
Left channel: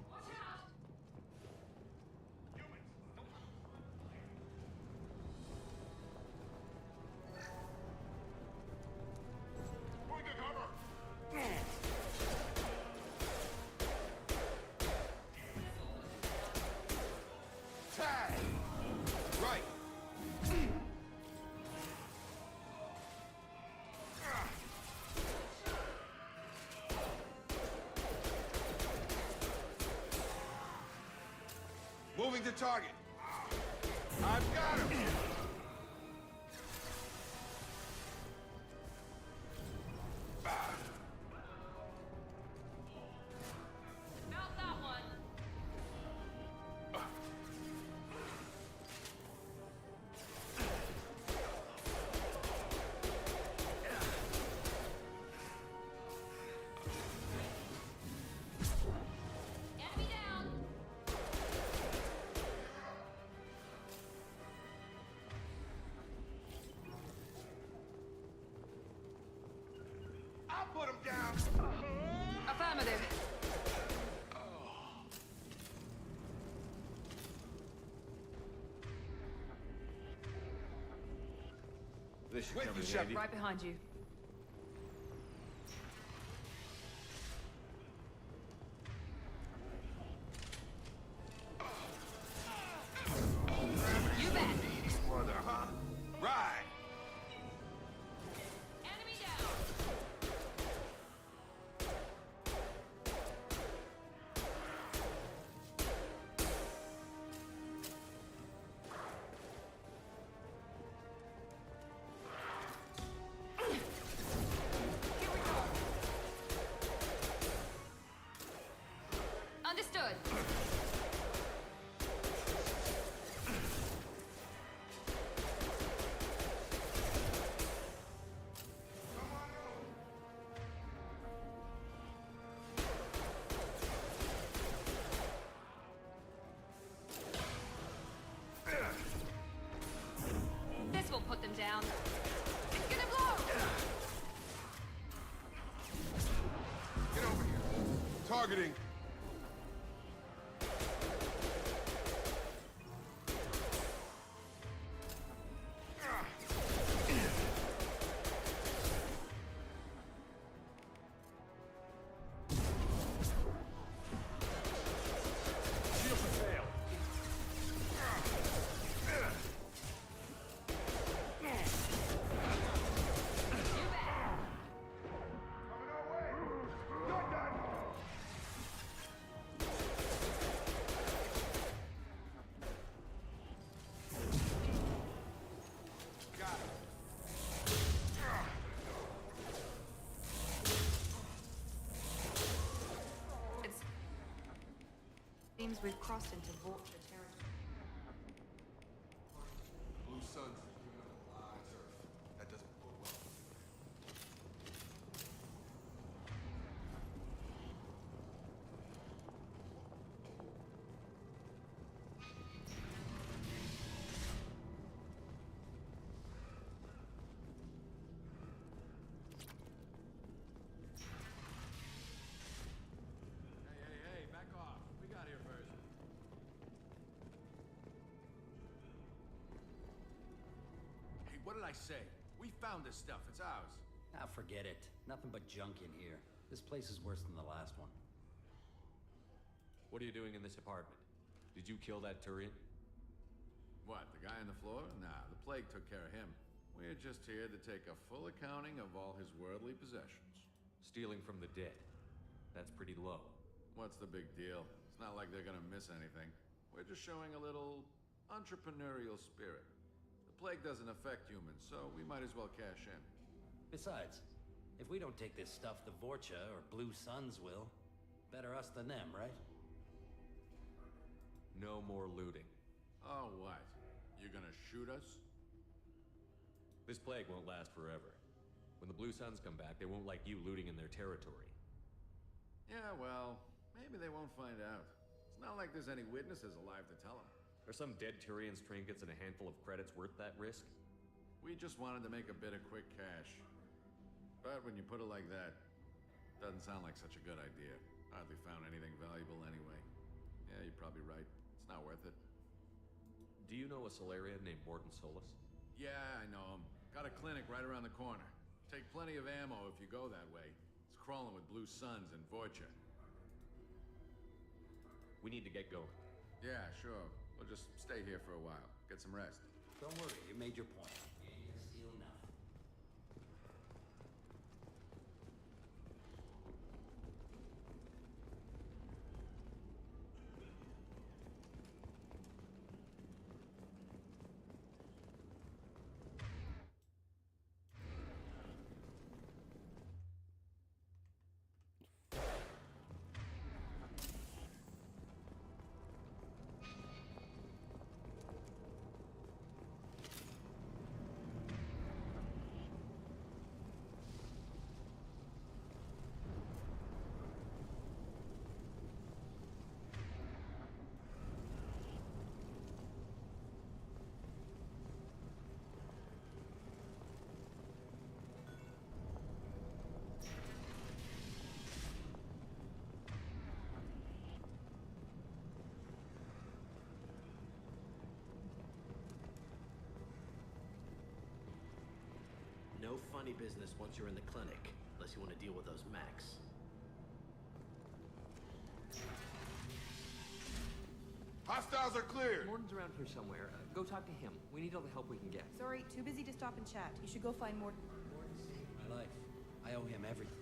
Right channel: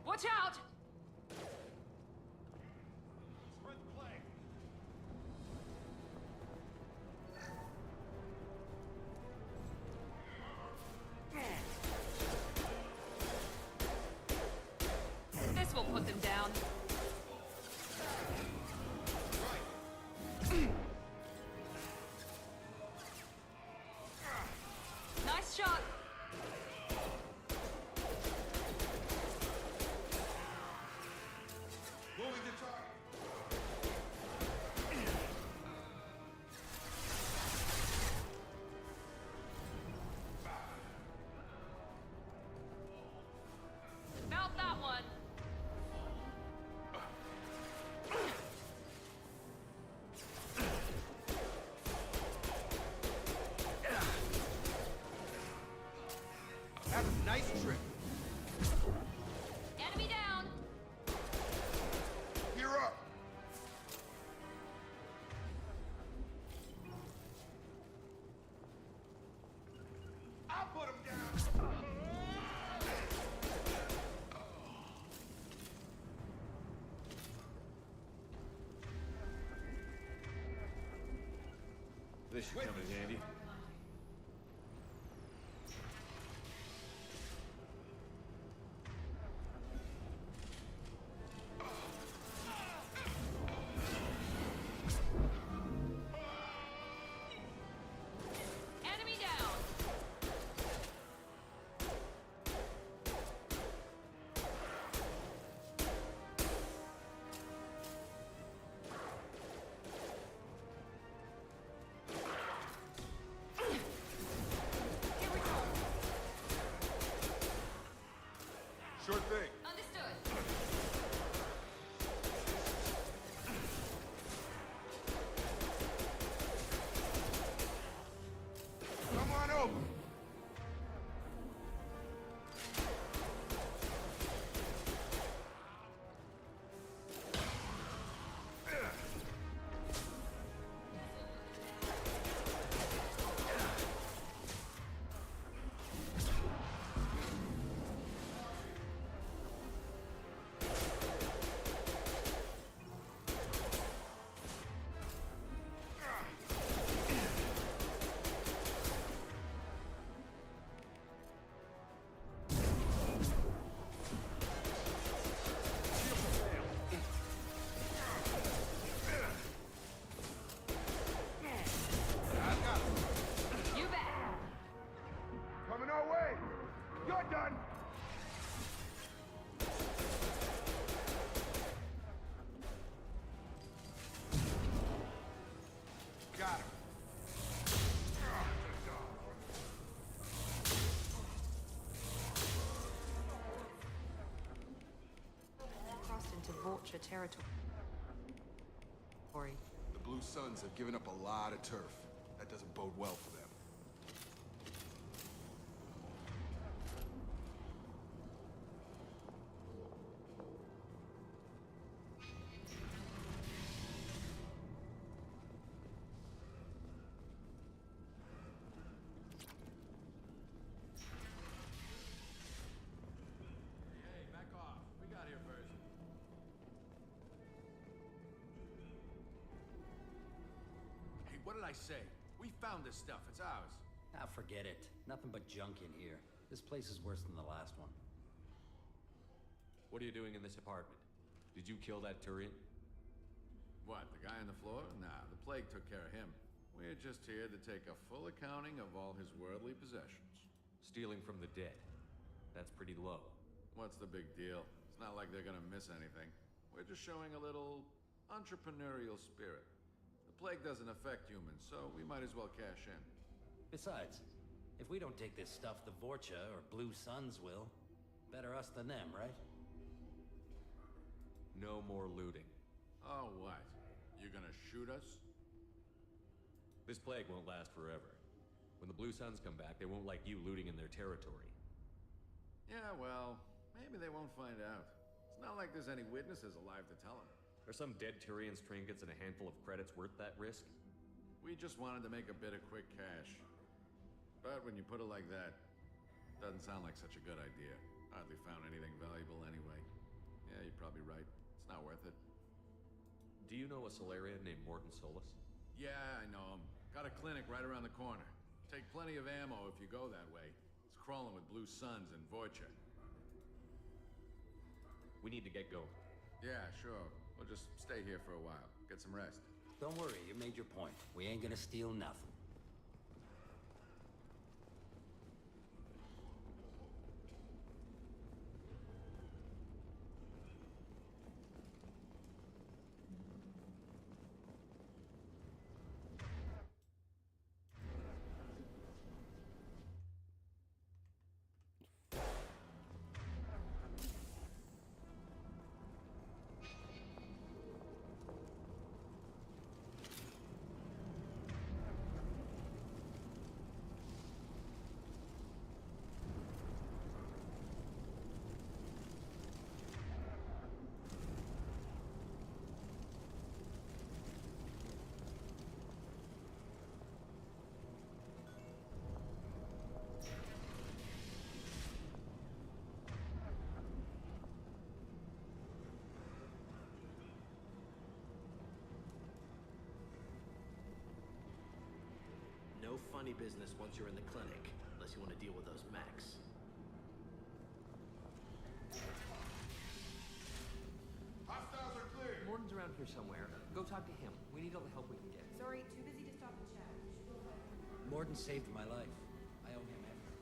Watch out! This will put them down. Right. Nice shot. Moving to target. I've got him. Mount that one. Have a nice trip. Enemy down. You're up. I'll put him down. Affirmative. This should With come you, in Shep. handy. Right behind you. You bet. Further, huh? Right. Enemy down. seems we've crossed into Vulture territory. The Blue Suns have given up a lot of turf. That doesn't bode well for them. Hey, back off. We got here first. Hey, what did I say? We found this stuff. It's ours. Ah, forget it. Nothing but junk in here. This place is worse than the last one. What are you doing in this apartment? Did you kill that Turian? What, the guy on the floor? Nah, the plague took care of him. We're just here to take a full accounting of all his worldly possessions. Stealing from the dead. That's pretty low. What's the big deal? It's not like they're gonna miss anything. We're just showing a little entrepreneurial spirit. The plague doesn't affect humans, so we might as well cash in. Besides, if we don't take this stuff, the Vorcha or Blue Suns will. Better us than them, right? No more looting. Oh, what? You gonna shoot us? This plague won't last forever. When the Blue Suns come back, they won't like you looting in their territory. Yeah, well, maybe they won't find out. It's not like there's any witnesses alive to tell them. Are some dead Turian's trinkets and a handful of credits worth that risk? We just wanted to make a bit of quick cash. But when you put it like that, doesn't sound like such a good idea. Hardly found anything valuable anyway. Yeah, you're probably right. It's not worth it. Do you know a Solarian named Morton Solus? Yeah, I know him. Got a clinic right around the corner. Take plenty of ammo if you go that way. It's crawling with Blue Suns and Vorcha. We need to get going. Yeah, sure. We'll just stay here for a while. Get some rest. Don't worry, you made your point. We ain't gonna steal nothing. No funny business once you're in the clinic, unless you want to deal with those mechs. Hostiles are cleared! Morton's around here somewhere. Go talk to him. We need all the help we can get. Sorry, too busy to stop and chat. You should go find Morton. Morton saved my life. I owe him everything.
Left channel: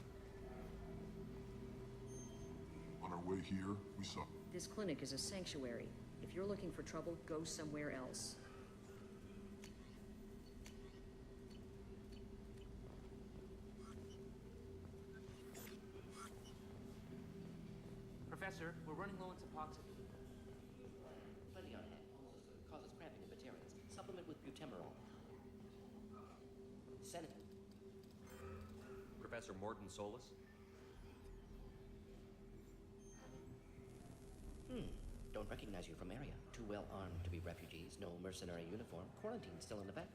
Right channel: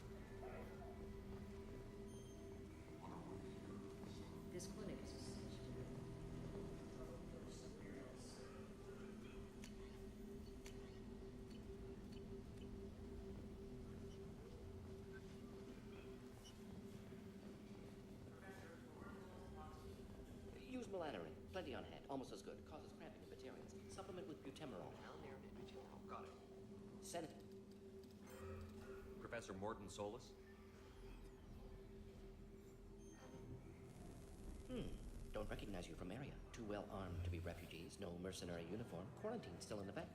On our way here, we saw... This clinic is a sanctuary. If you're looking for trouble, go somewhere else. Professor, we're running low on Suboxone. Use melatonin. Plenty on hand. Almost as good. Causes cramping in Batarians. Supplement with butemerol. Got it. Senate. Professor Morton Solus? Don't recognize you from area. Too well armed to be refugees. No mercenary uniform. Quarantine still in effect.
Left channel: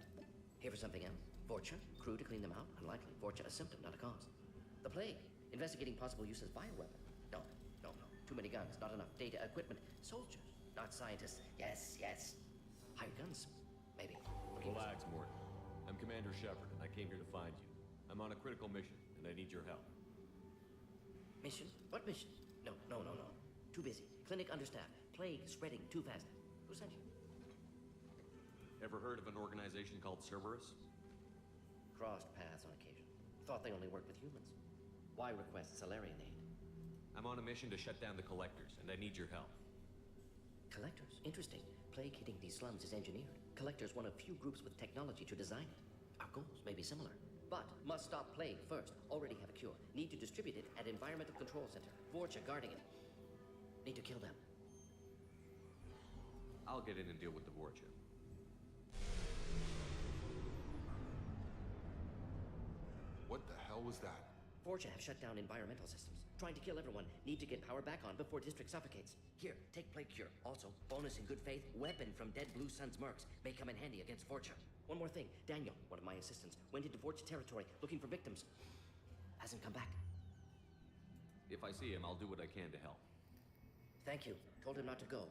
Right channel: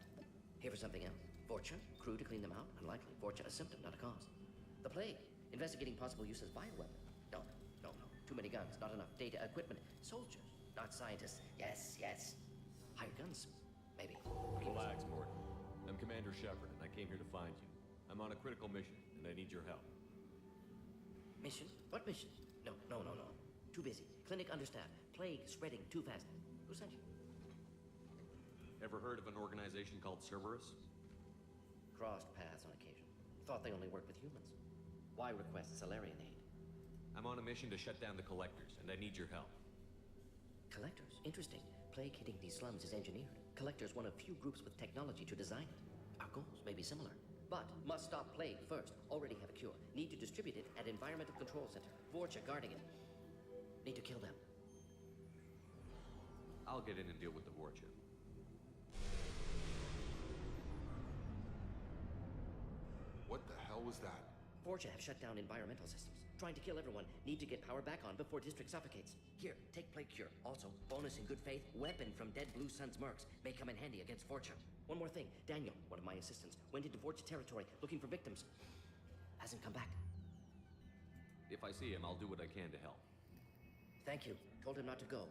Here for something else. Vorcha. Crew to clean them out. Unlikely. Vorcha a symptom, not a cause. The plague. Investigating possible use as bioweapon. No. Too many guns. Not enough data, equipment. Soldiers. Not scientists. Yes. Hired guns. Maybe. Relax, Morton. I'm Commander Shepard, and I came here to find you. I'm on a critical mission, and I need your help. Mission? What mission? No. Too busy. Clinic understaffed. Plague spreading too fast. Who sent you? Ever heard of an organization called Cerberus? Crossed paths on occasion. Thought they only worked with humans. Why request Solarian aid? I'm on a mission to shut down the Collectors, and I need your help. Collectors? Interesting. Plague hitting these slums is engineered. Collectors one of few groups with technology to design it. Our goals may be similar. But must stop plague first. Already have a cure. Need to distribute it at Environmental Control Center. Vorcha guarding it. Need to kill them. I'll get in and deal with the Vorcha. What the hell was that? Forja have shut down environmental systems. Trying to kill everyone. Need to get power back on before district suffocates. Here, take plague cure. Also, bonus in good faith, weapon from dead Blue Sun's mercs. May come in handy against Forja. One more thing. Daniel, one of my assistants, went into Forja territory looking for victims. Hasn't come back. If I see him, I'll do what I can to help. Thank you. Told him not to go.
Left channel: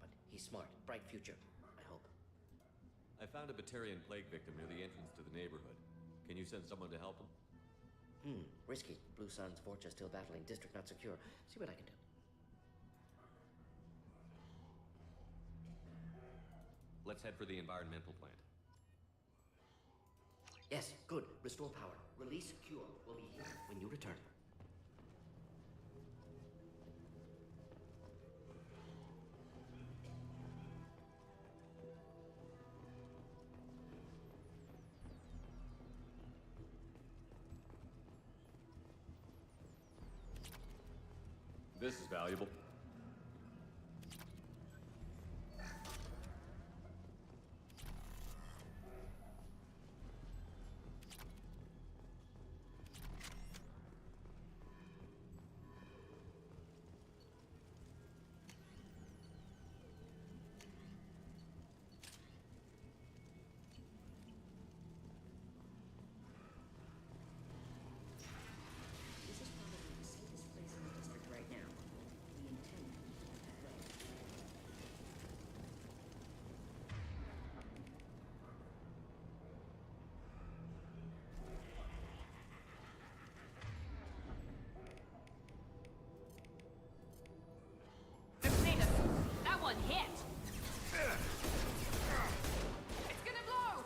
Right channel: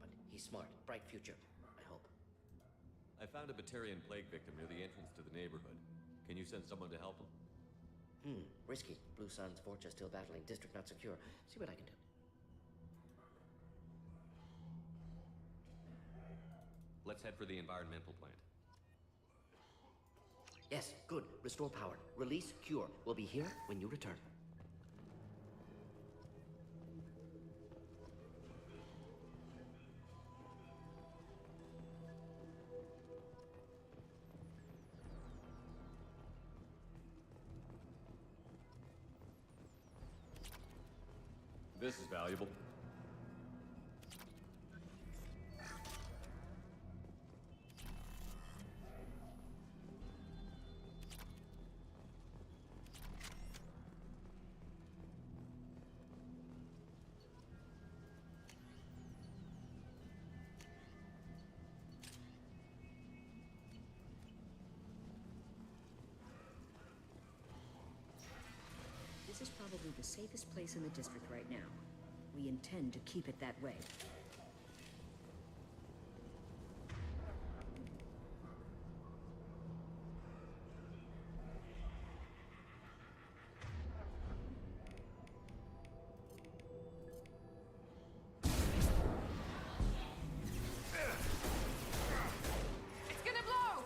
But he's smart. Bright future. I hope. I found a Batarian plague victim near the entrance to the neighborhood. Can you send someone to help him? Risky. Blue Sun's Forja still battling. District not secure. See what I can do. Let's head for the environmental plant. Yes, good. Restore power. Release cure. We'll be here when you return. This is valuable. This is probably the safest place in the district right now. We intend to keep it that way. That one hit! It's gonna blow!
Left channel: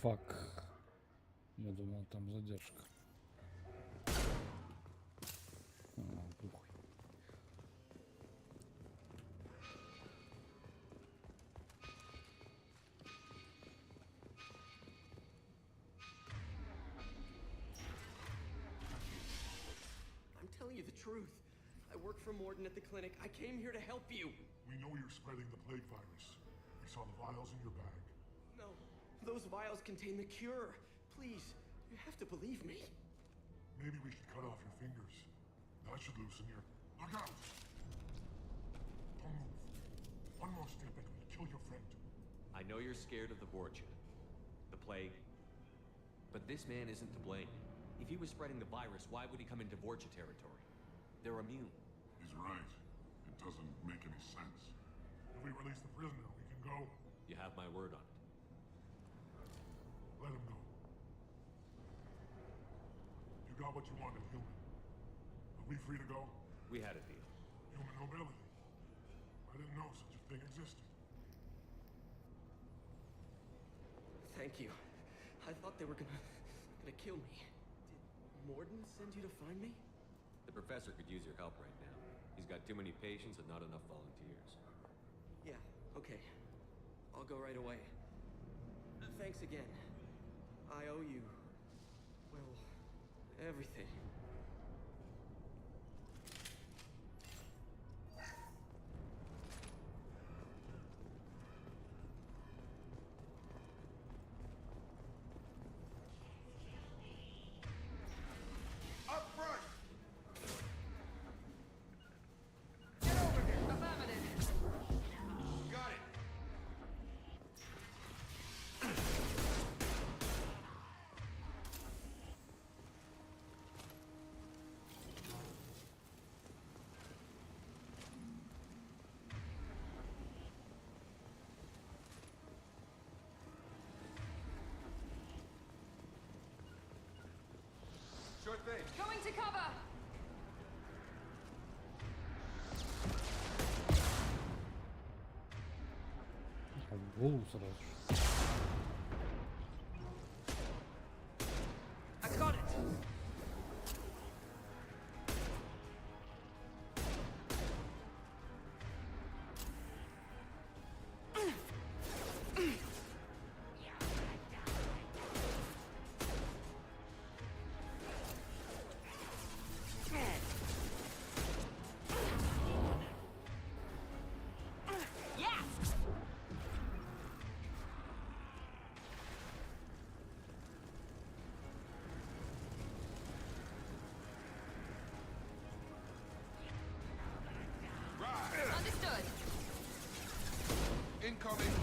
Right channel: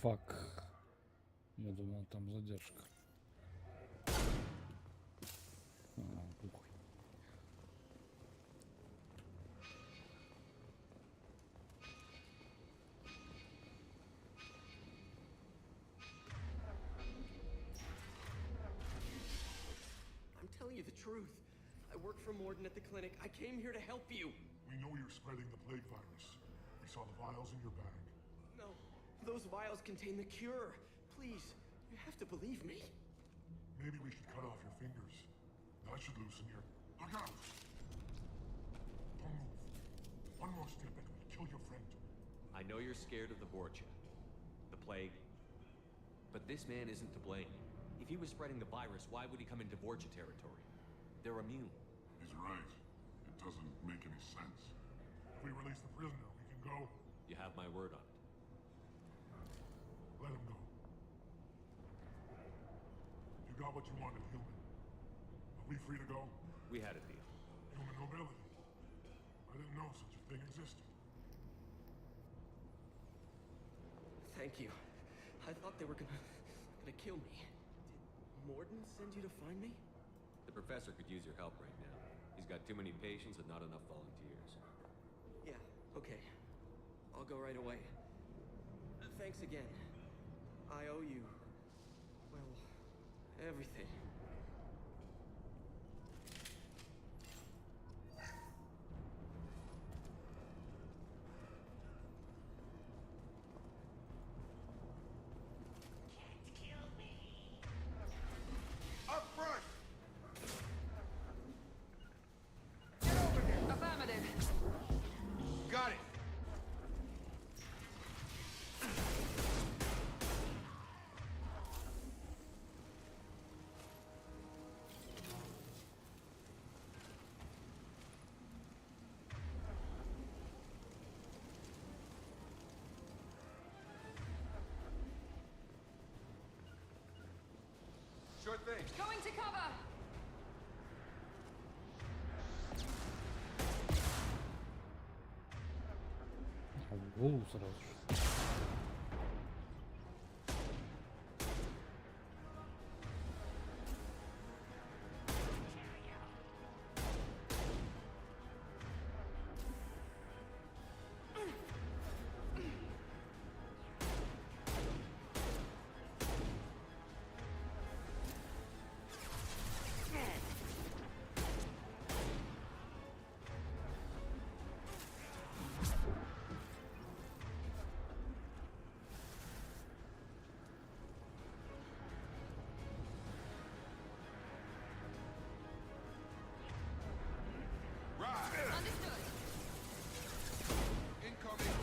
Фак. Я думал, там задержка. Похуй. I'm telling you the truth. I work for Morden at the clinic. I came here to help you. We know you're spreading the plague virus. We saw the vials in your bag. No, those vials contain the cure. Please, you have to believe me. Maybe we should cut off your fingers. That should loosen your... Look out! Don't move. One more step and we'll kill your friend. I know you're scared of the Vorcha, the plague, but this man isn't to blame. If he was spreading the virus, why would he come into Vorcha territory? They're immune. He's right. It doesn't make any sense. If we release the prisoner, we can go. You have my word on it. Let him go. You got what you wanted, human. Are we free to go? We had a deal. Human nobility. I didn't know such a thing existed. Thank you. I thought they were gonna kill me. Did Morden send you to find me? The professor could use your help right now. He's got too many patients and not enough volunteers. Yeah, okay. I'll go right away. Thanks again. I owe you, well, everything. Up front! Get over here! Affirmative. Got it! Sure thing. Going to cover! В голову сразу же. I got it. Right! Understood. Incoming!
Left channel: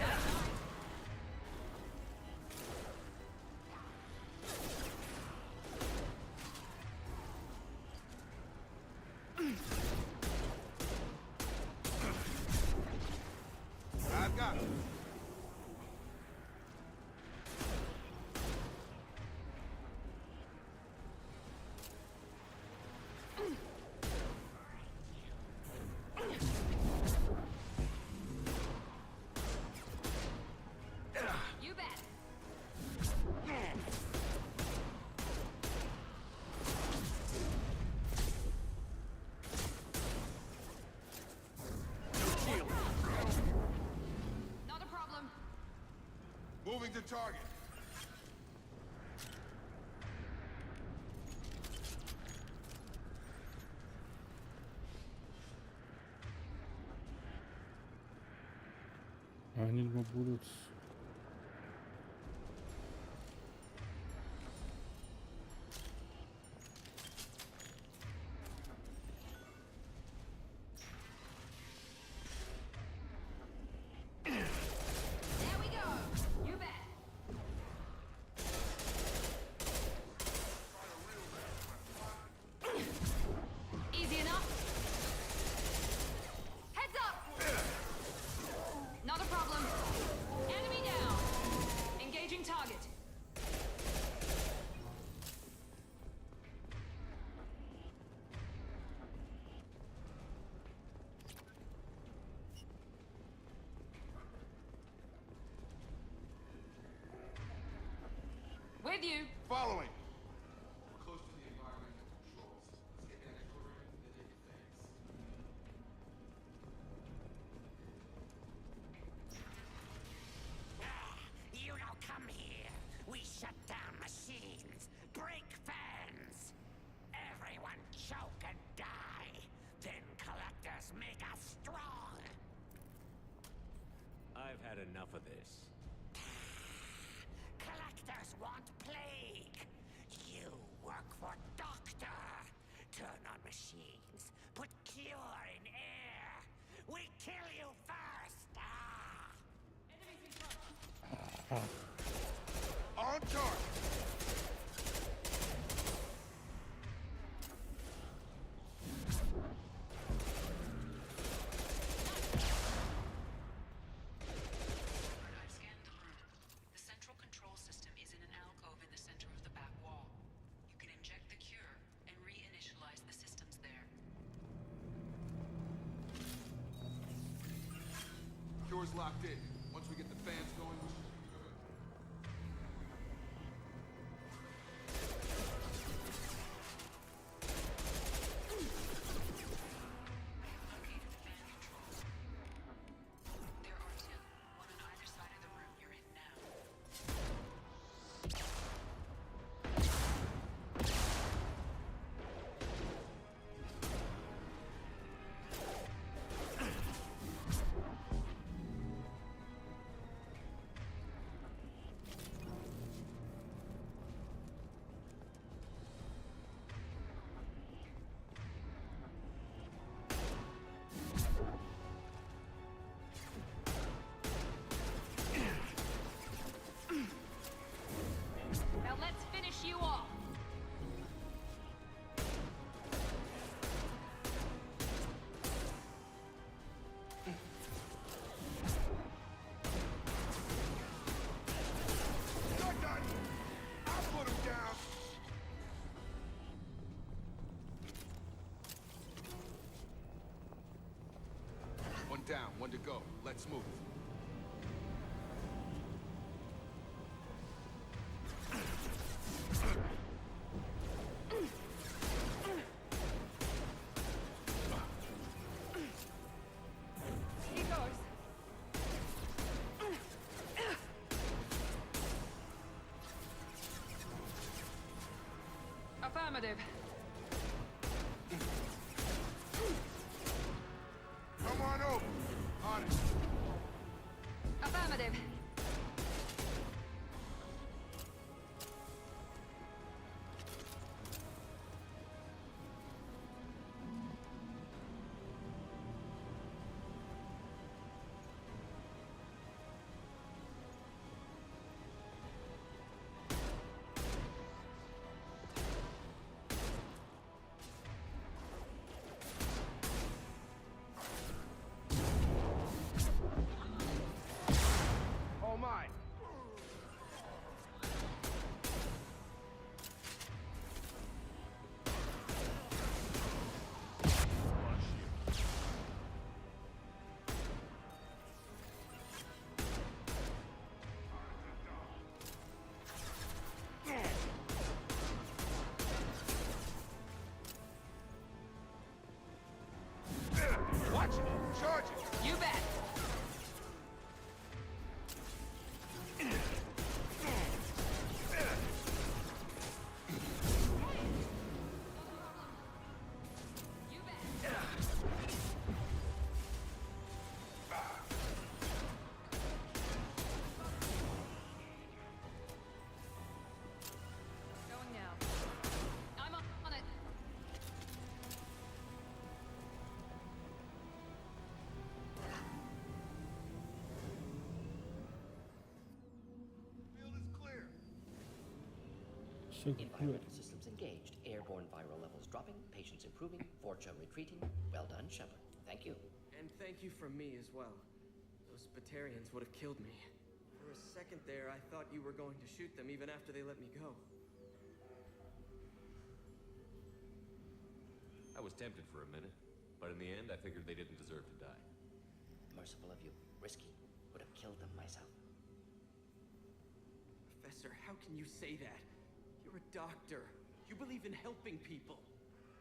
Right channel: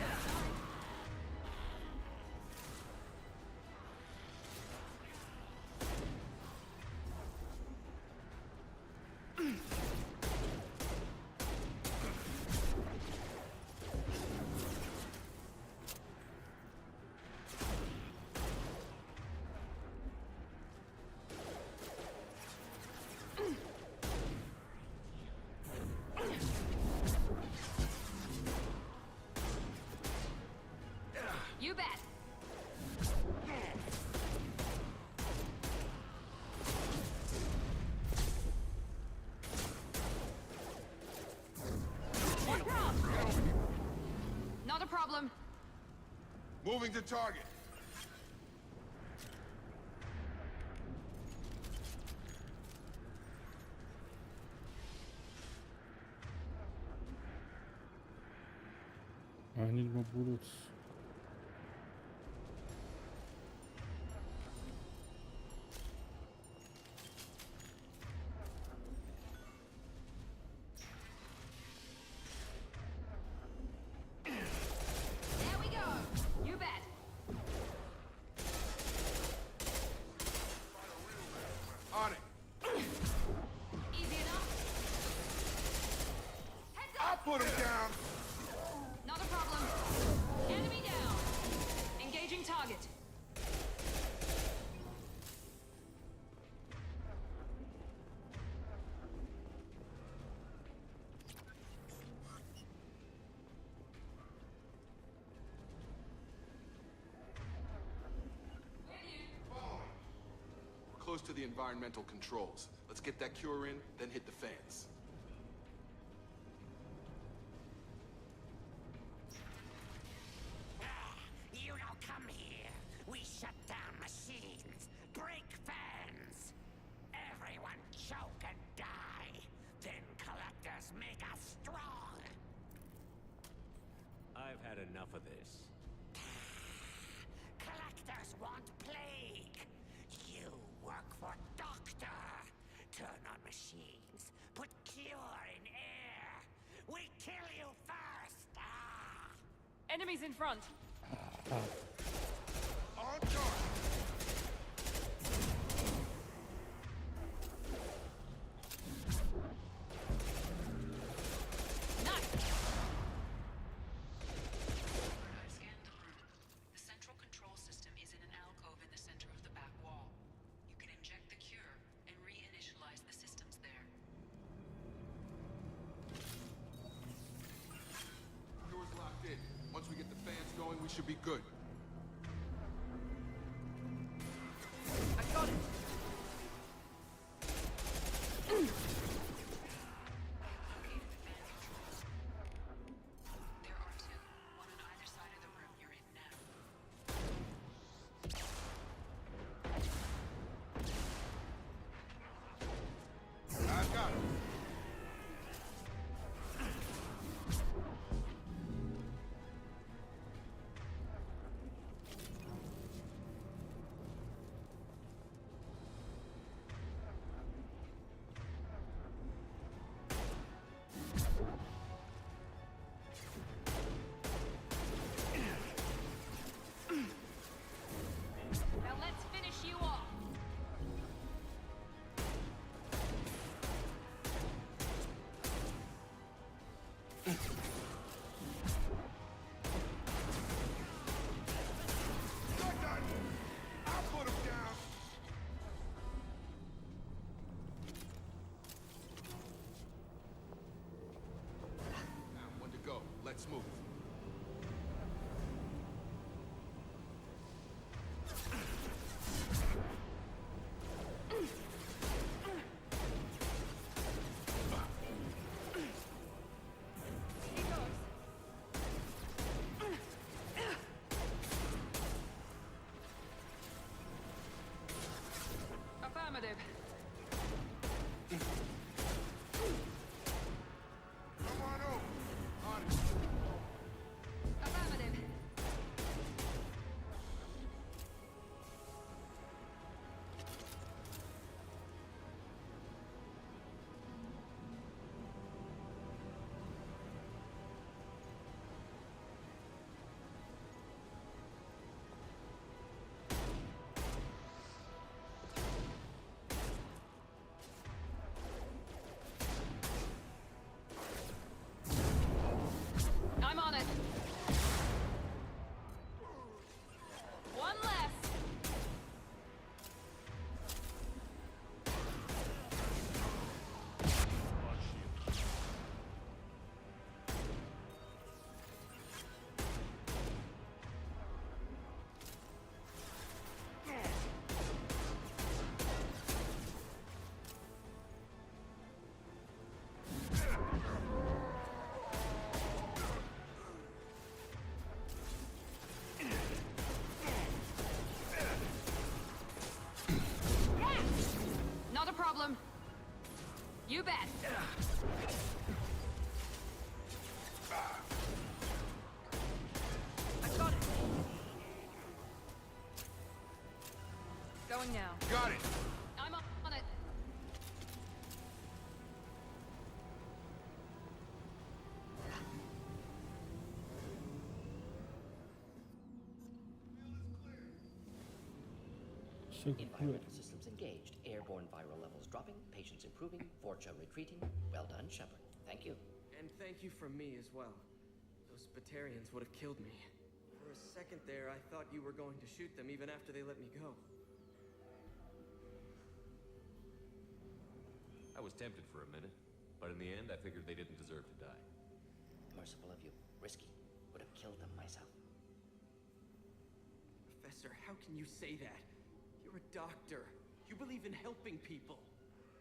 I've got it. You bet. Not a problem. Moving to target. I need more bullets. There we go. You bet. On it. Easy enough. Heads up. Put it down. Not a problem. Enemy With you. Following. We're close to the environmental controls. Let's get that cure in, then hit the fans. You don't come here. We shut down machines, break fans. Everyone choke and die. Then collectors make us strong. I've had enough of this. Collectors want plague. You work for Doctor. Turn on machines. Put cure in air. We kill you first. Enemies in front. On target. I've scanned the room. The central control system is in an alcove in the center of the back wall. You can inject the cure and reinitialize the systems there. Cure's locked in. Once we get the fans going, we should be good. There are two, one on either side of the room you're in now. I've got it. Now let's finish you off. You're done! I'll put him down! One down, one to go. Let's move. He goes. Affirmative. Come on over. On it. Affirmative. I'm on it. All mine. One less. Watch it. Charge it. You bet. Not a problem. You bet. I got it. Going now. Got it. I'm on it. Field is clear. Все как Environmental systems engaged. Airborne viral levels dropping. Patients improving. Fortune retreating. Well done, Shepard. Thank you. And thank you from me as well. Those Batarians would have killed me. For a second there, I thought you were going to shoot them even after they let me go. I was tempted for a minute, but in the end, I figured they didn't deserve to die. Merciful of you. Risky. Would have killed them myself. Professor, how can you say that? You're a doctor. You believe in helping people.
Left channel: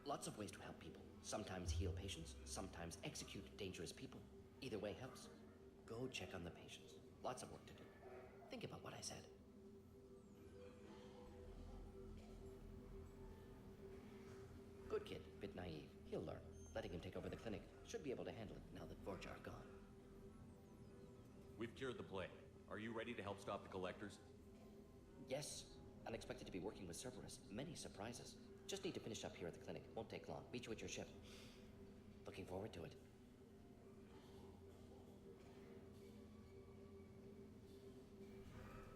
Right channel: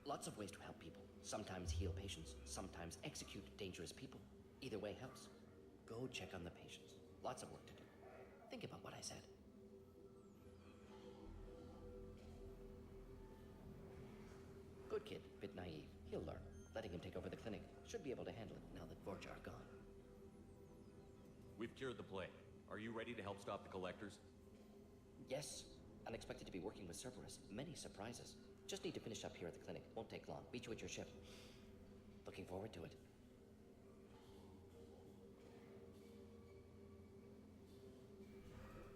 Lots of ways to help people. Sometimes heal patients, sometimes execute dangerous people. Either way helps. Go check on the patients. Lots of work to do. Think about what I said. Good kid, bit naive. He'll learn. Letting him take over the clinic. Should be able to handle it now that Vorcha are gone. We've cured the plague. Are you ready to help stop the collectors? Yes. Unexpected to be working with Cerberus. Many surprises. Just need to finish up here at the clinic. Won't take long. Meet you at your ship. Looking forward to it.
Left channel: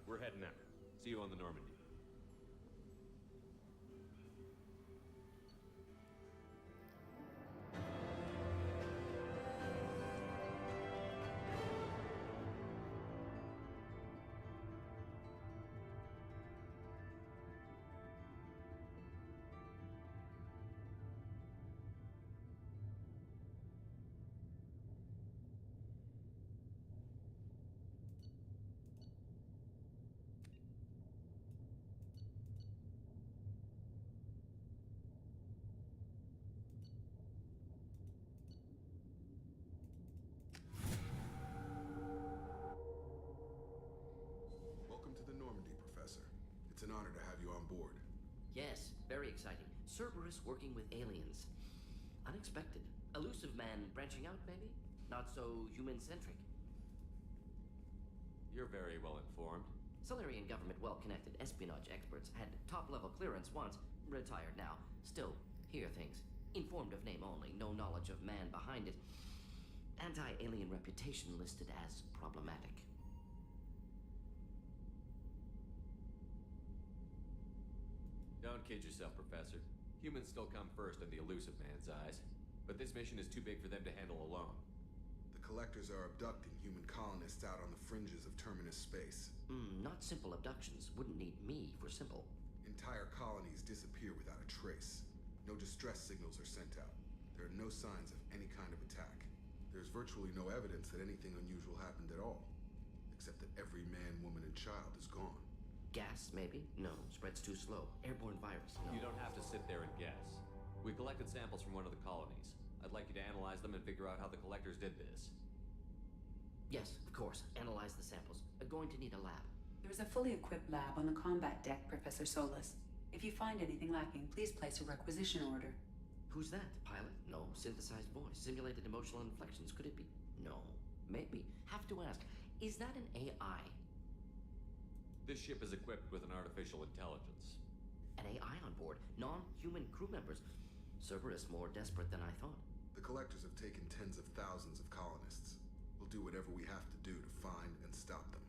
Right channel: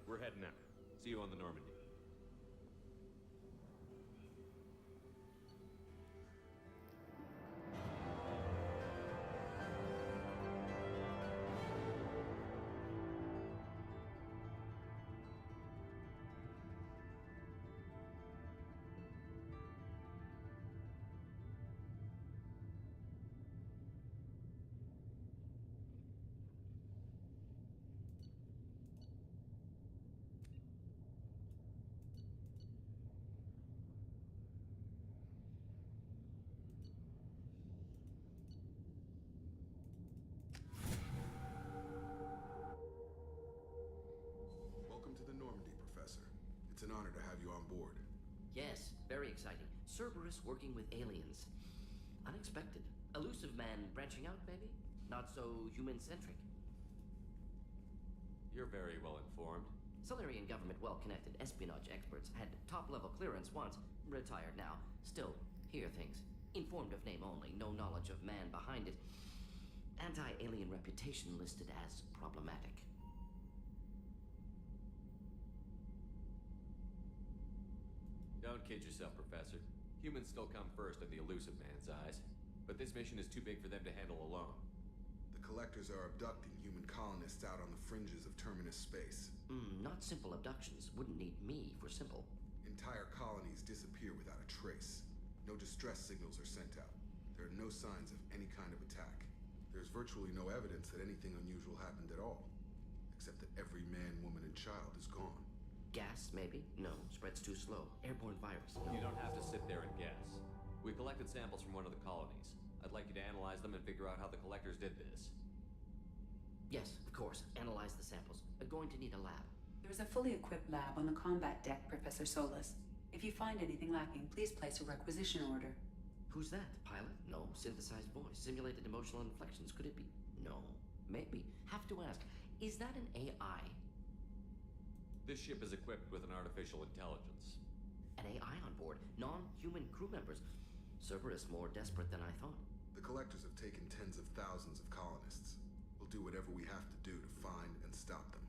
We're heading out. See you on the Normandy. Welcome to the Normandy, Professor. It's an honor to have you on board. Yes, very exciting. Cerberus working with aliens. Unexpected. Elusive man branching out, maybe? Not so human-centric. You're very well informed. Solarian government well-connected espionage experts had top-level clearance once. Retired now. Still, hear things. Informed of name only, no knowledge of man behind it. Anti-alien reputation listed as problematic. Don't kid yourself, Professor. Humans still come first in the elusive man's eyes. But this mission is too big for them to handle alone. The collectors are abducting human colonists out on the fringes of terminus space. Not simple abductions. Wouldn't need me for simple. Entire colonies disappear without a trace. No distress signals are sent out. There are no signs of any kind of attack. There's virtually no evidence that anything unusual happened at all. Except that every man, woman, and child is gone. Gas, maybe? No, spreads too slow. Airborne virus, no. You don't have to sit there and guess. We collected samples from one of the colonies. I'd like you to analyze them and figure out how the collectors did this. Yes, of course. Analyze the samples. Going to need a lab. There is a fully equipped lab on the combat deck, Professor Solis. If you find anything lacking, please place a requisition order. Who's that? Pilot? No. Synthesized voice. Simulated emotional inflections. Could it be? No. Maybe. Have to ask. Is that an AI? This ship is equipped with an artificial intelligence. An AI on board. Non-human crew members. Cerberus more desperate than I thought. The collectors have taken tens of thousands of colonists. We'll do whatever we have to do to find and stop them.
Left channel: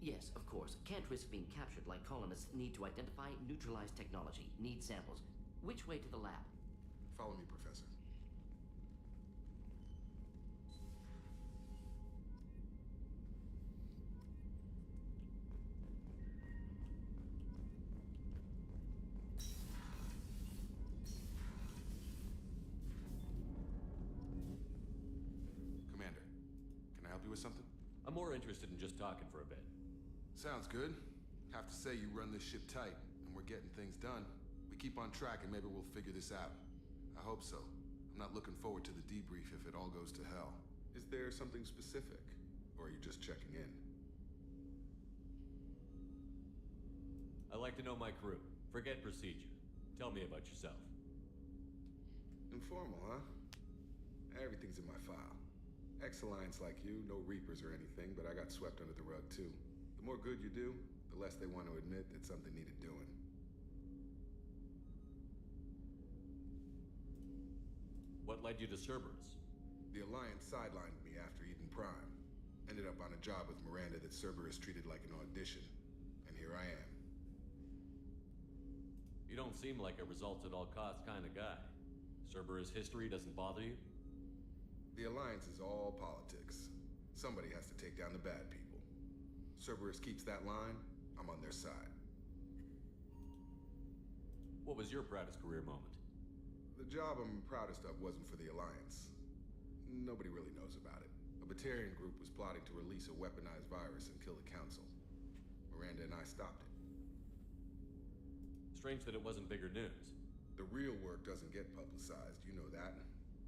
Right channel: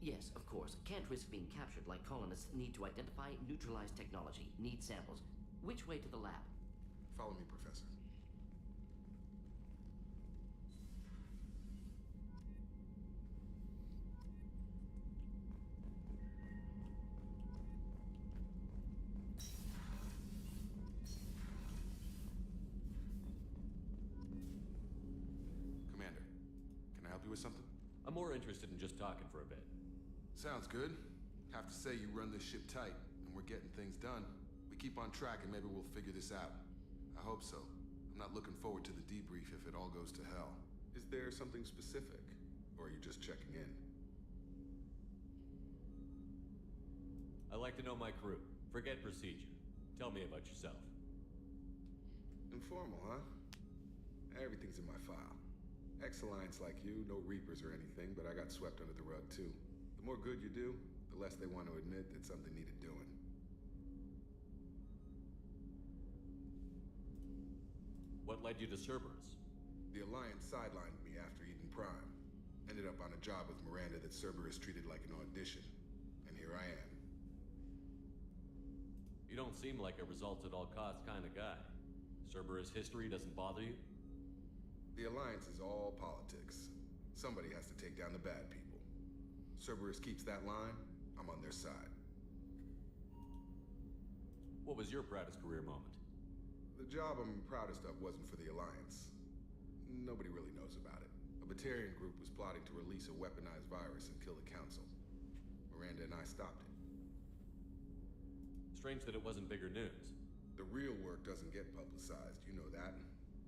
Yes, of course. Can't risk being captured like colonists need to identify, neutralize technology. Need samples. Which way to the lab? Follow me, Professor. Commander, can I help you with something? I'm more interested in just talking for a bit. Sounds good. Have to say you run this ship tight, and we're getting things done. We keep on track and maybe we'll figure this out. I hope so. I'm not looking forward to the debrief if it all goes to hell. Is there something specific? Or are you just checking in? I like to know my crew. Forget procedure. Tell me about yourself. Informal, huh? Everything's in my file. Ex-Alliance like you, no Reapers or anything, but I got swept under the rug too. The more good you do, the less they want to admit that something needed doing. What led you to Cerberus? The Alliance sidelined me after Eden Prime. Ended up on a job with Miranda that Cerberus treated like an audition. And here I am. You don't seem like a results-at-all-costs kind of guy. Cerberus history doesn't bother you? The Alliance is all politics. Somebody has to take down the bad people. Cerberus keeps that line, I'm on their side. What was your proudest career moment? The job I'm proudest of wasn't for the Alliance. Nobody really knows about it. A Batarian group was plotting to release a weaponized virus and kill the Council. Miranda and I stopped it. Strange that it wasn't bigger news. The real work doesn't get publicized, you know that.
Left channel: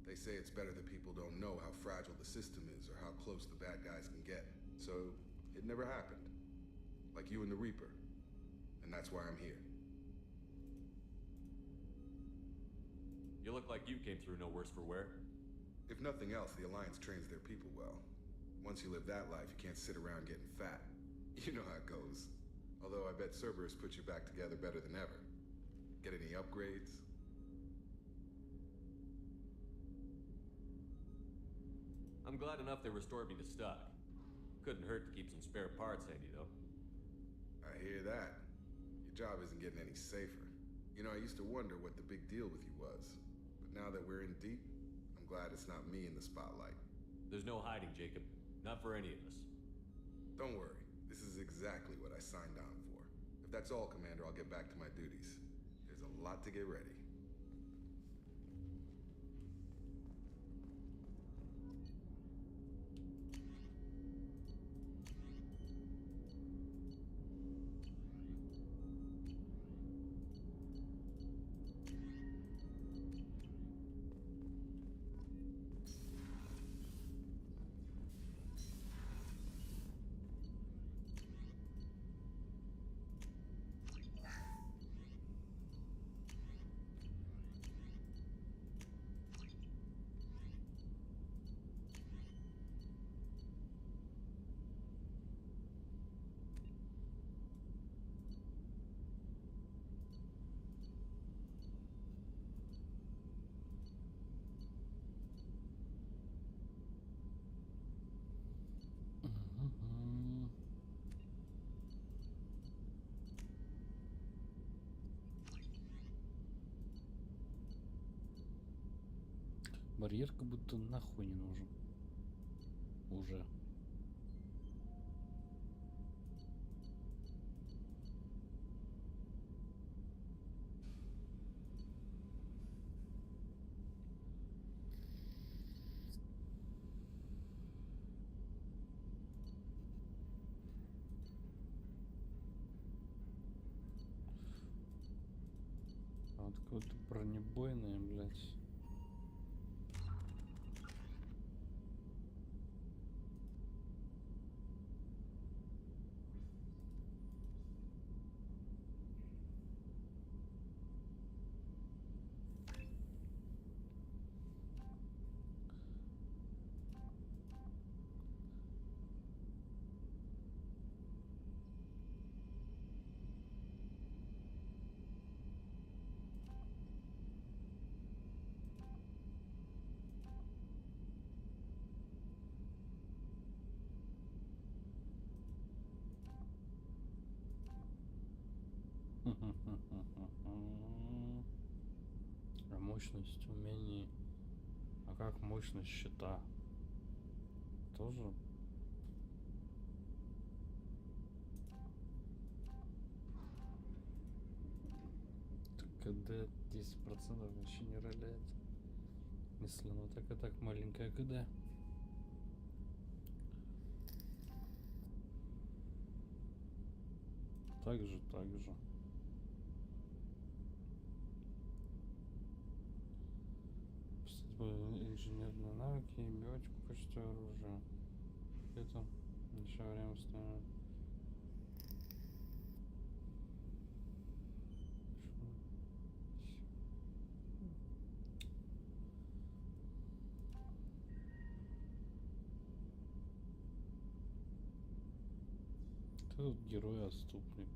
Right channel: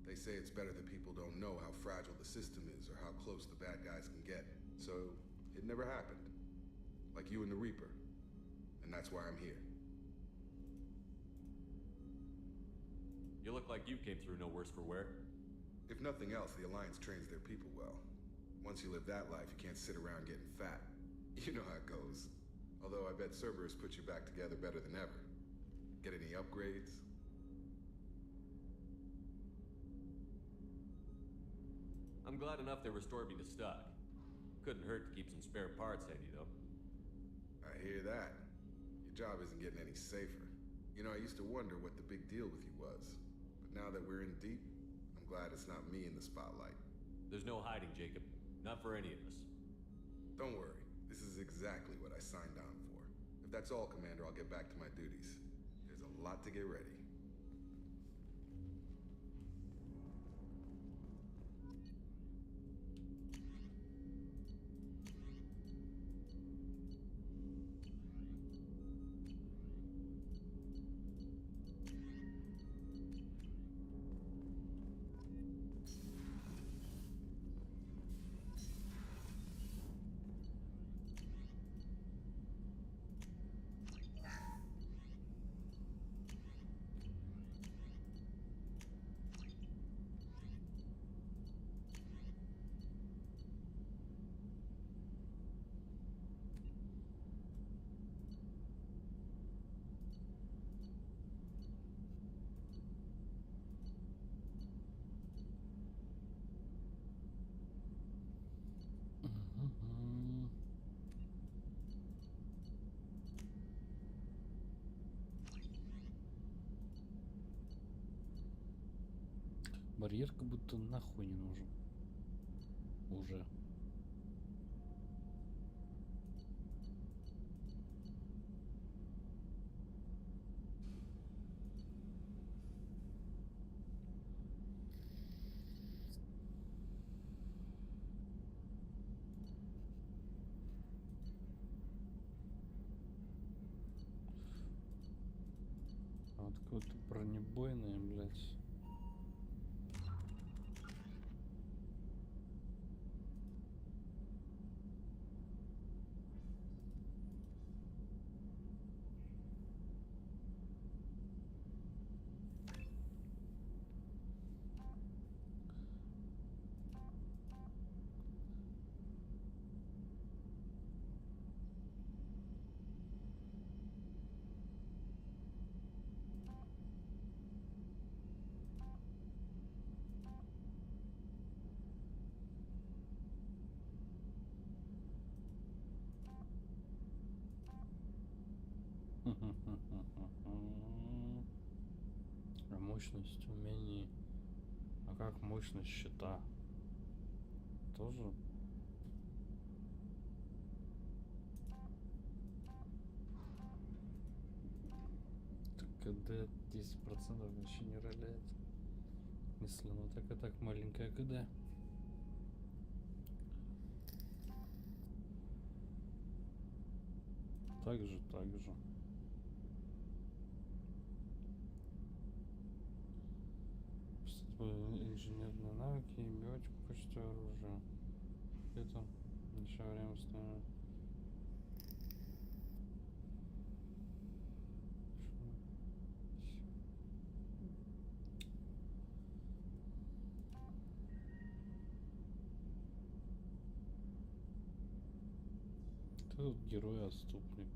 They say it's better that people don't know how fragile the system is or how close the bad guys can get. So, it never happened. Like you and the Reaper. And that's why I'm here. You look like you came through no worse for wear. If nothing else, the Alliance trains their people well. Once you live that life, you can't sit around getting fat. You know how it goes. Although I bet Cerberus put you back together better than ever. Get any upgrades? I'm glad enough they restored me to stock. Couldn't hurt to keep some spare parts handy, though. I hear that. Your job isn't getting any safer. You know, I used to wonder what the big deal with you was. But now that we're in deep, I'm glad it's not me in the spotlight. There's no hiding, Jacob. Not for any of us. Don't worry. This is exactly what I signed on for. If that's all, Commander, I'll get back to my duties. There's a lot to get ready. Барьер как будто нахуй не нужен. Уже. А вот какое-то бронебойное, блядь. А мощность умений. А как мощность щита? Тоже? КД 10% вообще не роляет. Если оно так и так маленькая КД. Так же. Инженерные навыки, биотику, качество оружия. Это еще время становится. Тут герой-отступник.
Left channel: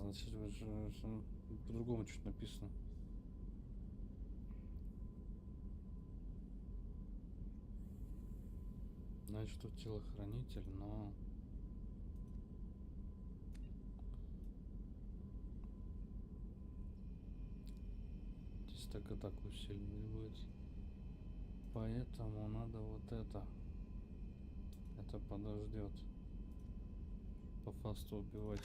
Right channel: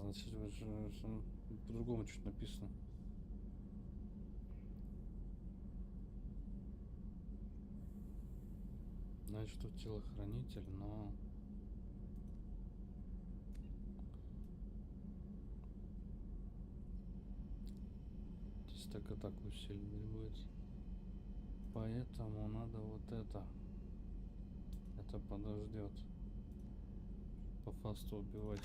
значит, по-другому чуть написано. Значит, тут телохранитель, но... Здесь так атаку усиливать будет. Поэтому надо вот это. Это подождет. По фасту убивать.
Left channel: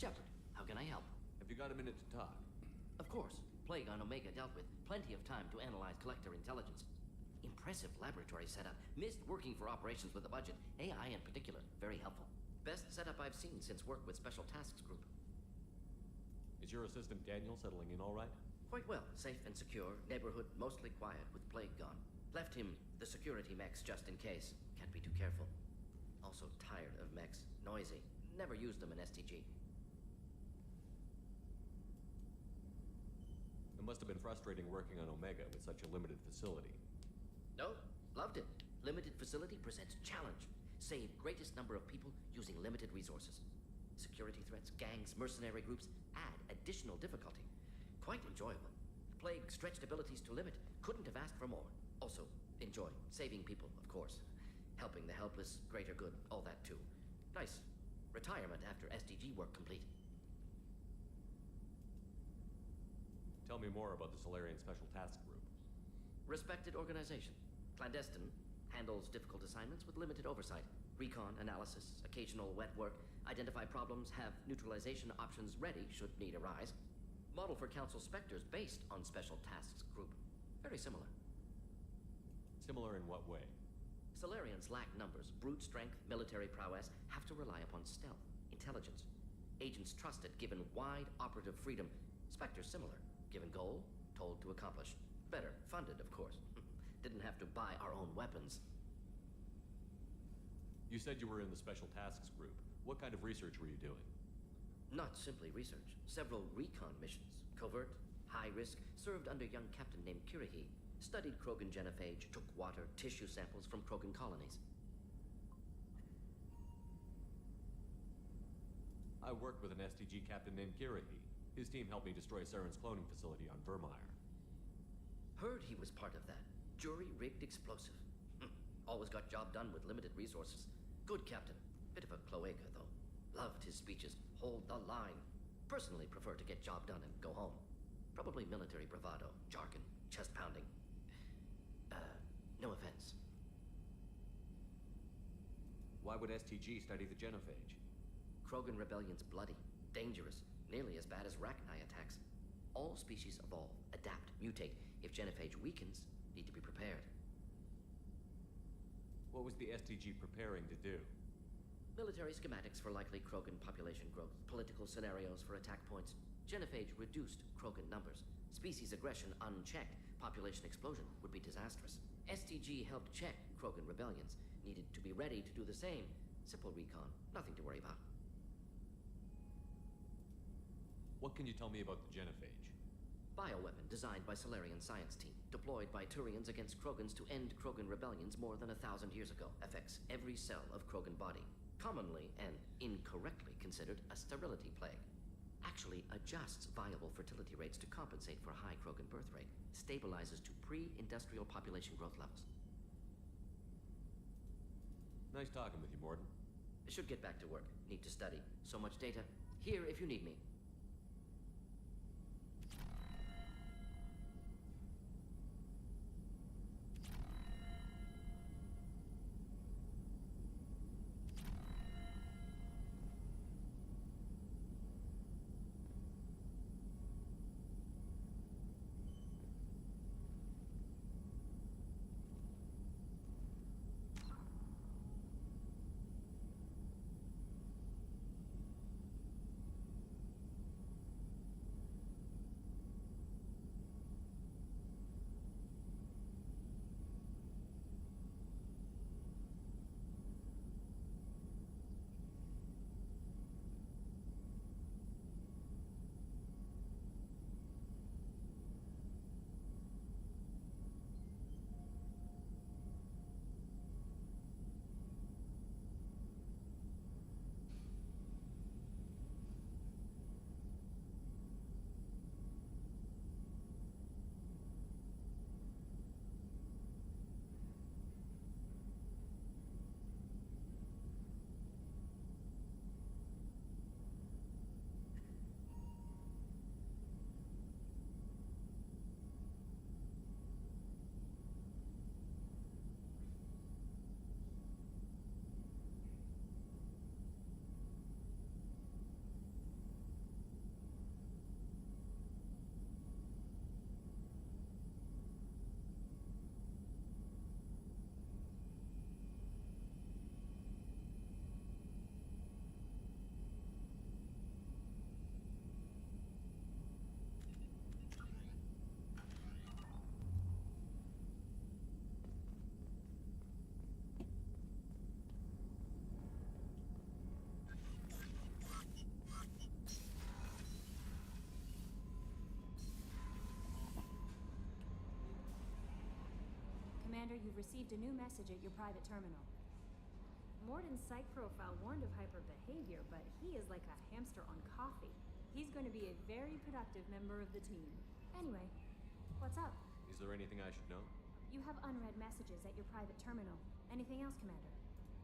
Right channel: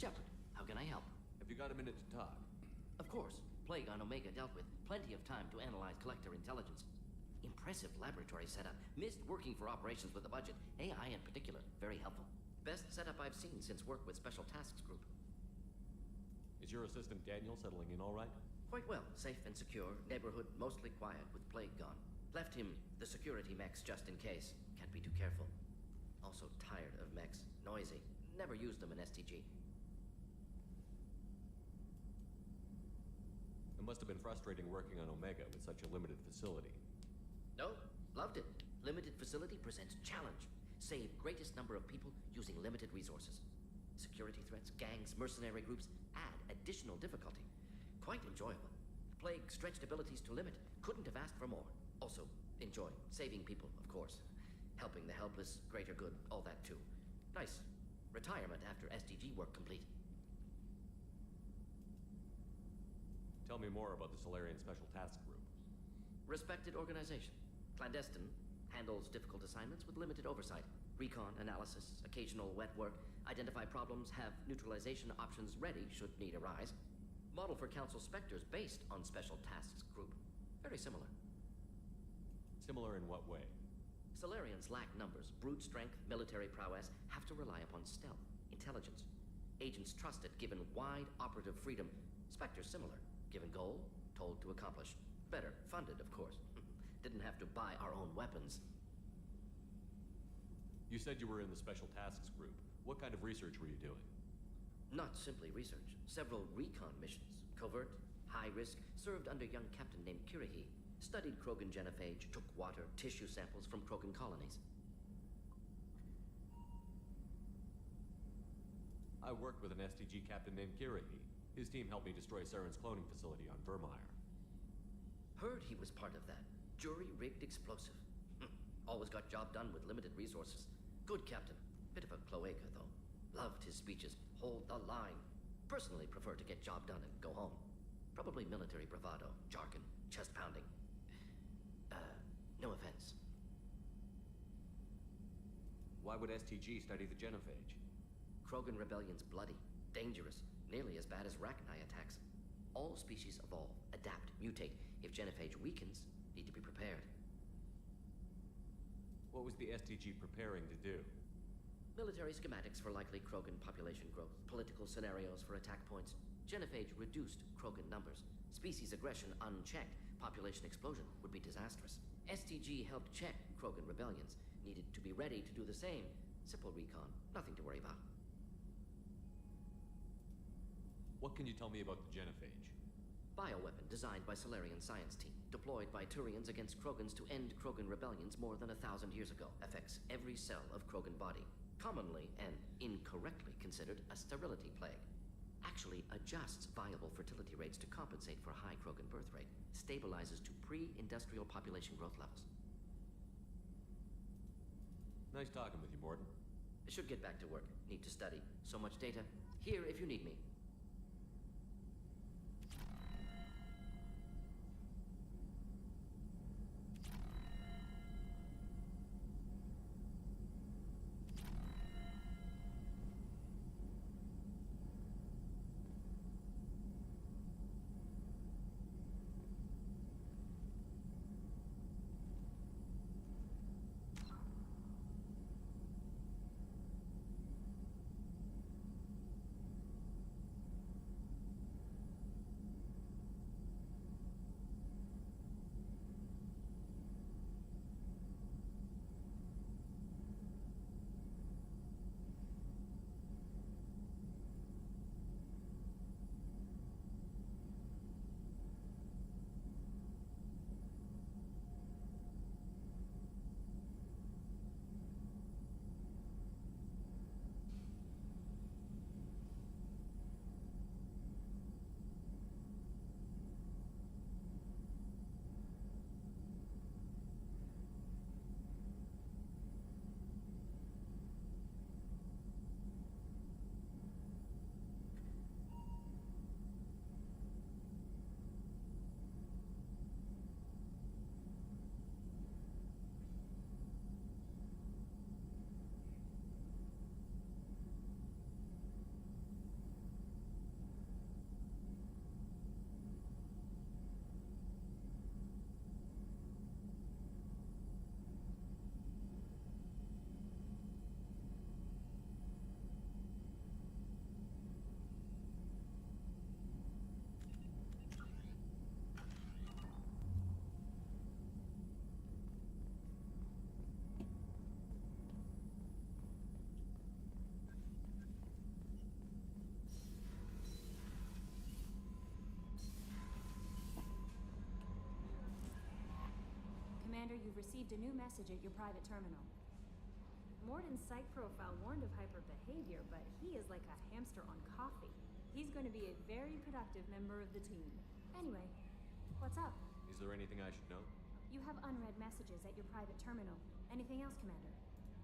Shepard, how can I help? Have you got a minute to talk? Of course. Plague on Omega dealt with. Plenty of time to analyze collector intelligence. Impressive laboratory setup. Missed working for operations with a budget. AI in particular. Very helpful. Best setup I've seen since work with Special Tasks Group. Is your assistant Daniel settling in all right? Quite well. Safe and secure. Neighborhood mostly quiet with Plague gone. Left him the security mechs just in case. Can't be too careful. Also tired of mechs. Noisy. Never used them in STG. It must have been frustrating working on Omega with such a limited facility. No, loved it. Limited facility presents challenge. Save greatest number of people using limited resources. Security threats, gangs, mercenary groups add additional difficulty. Quite enjoyable. Plague stretched abilities to limit. Couldn't have asked for more. Also, enjoy saving people, of course. Helping the helpless, greater good, all that too. Nice. Retirement after SDG work complete. Tell me more about the Solarian Special Task Group. Respected organization. Clandestine. Handles difficult assignments with limited oversight. Recon, analysis, occasional wet work. Identify problems, have neutralization options ready should need arise. Model for Council Spectres based on Special Tasks Group. Very similar. Similar in what way? Solarians lack numbers, brute strength, military prowess, have to rely upon stealth, intelligence. Agents trusted, given wide operative freedom. Spectres similar. Given goal, told to accomplish. Better, funded, of course. Didn't have to buy our own weapons. You said you were in the Special Tasks Group. What kind of research were you doing? Not simply research. Several recon missions. Covert, high risk, served under young captain named Kirihi. Studied Krogan genophage, took water, tissue samples from Krogan colonies. I worked with an STG captain named Kirihi. His team helped me destroy Saren's cloning facility on Vermeer. Heard he was part of that. Jury-rigged explosive. Always got job done with limited resources. Good captain. Bit of a cloaca, though. Loved his speeches. Hold the line. Personally prefer to get job done and go home. Probably military bravado, jargon, chest pounding. No offense. Why would STG study the genophage? Krogan rebellion's bloody, dangerous, nearly as bad as Rachni attacks. All species evolve, adapt, mutate. If genophage weakens, need to be prepared. What was the STG preparing to do? Military schematics for likely Krogan population growth, political scenarios for attack points. Genophage reduced Krogan numbers. Species aggression unchecked, population explosion would be disastrous. STG helped check Krogan rebellions. Needed to be ready to do the same. Simple recon, nothing to worry about. What can you tell me about the genophage? Bioweapon designed by Solarian science team. Deployed by Turians against Krogans to end Krogan rebellions more than 1,000 years ago. Affects every cell of Krogan body. Commonly and incorrectly considered a sterility plague. Actually adjusts viable fertility rates to compensate for high Krogan birth rate. Stabilizes to pre-industrial population growth levels. Nice talking with you, Morden. I should get back to work. Need to study. So much data. Here if you need me. Commander, you've received a new message at your private terminal. Morden's psych profile warned of hyper behavior, but he is like a hamster on coffee. He's going to be a very productive member of the team. Anyway, what's up? Is there anything I should know? You have unread messages at your private terminal. Anything else, Commander?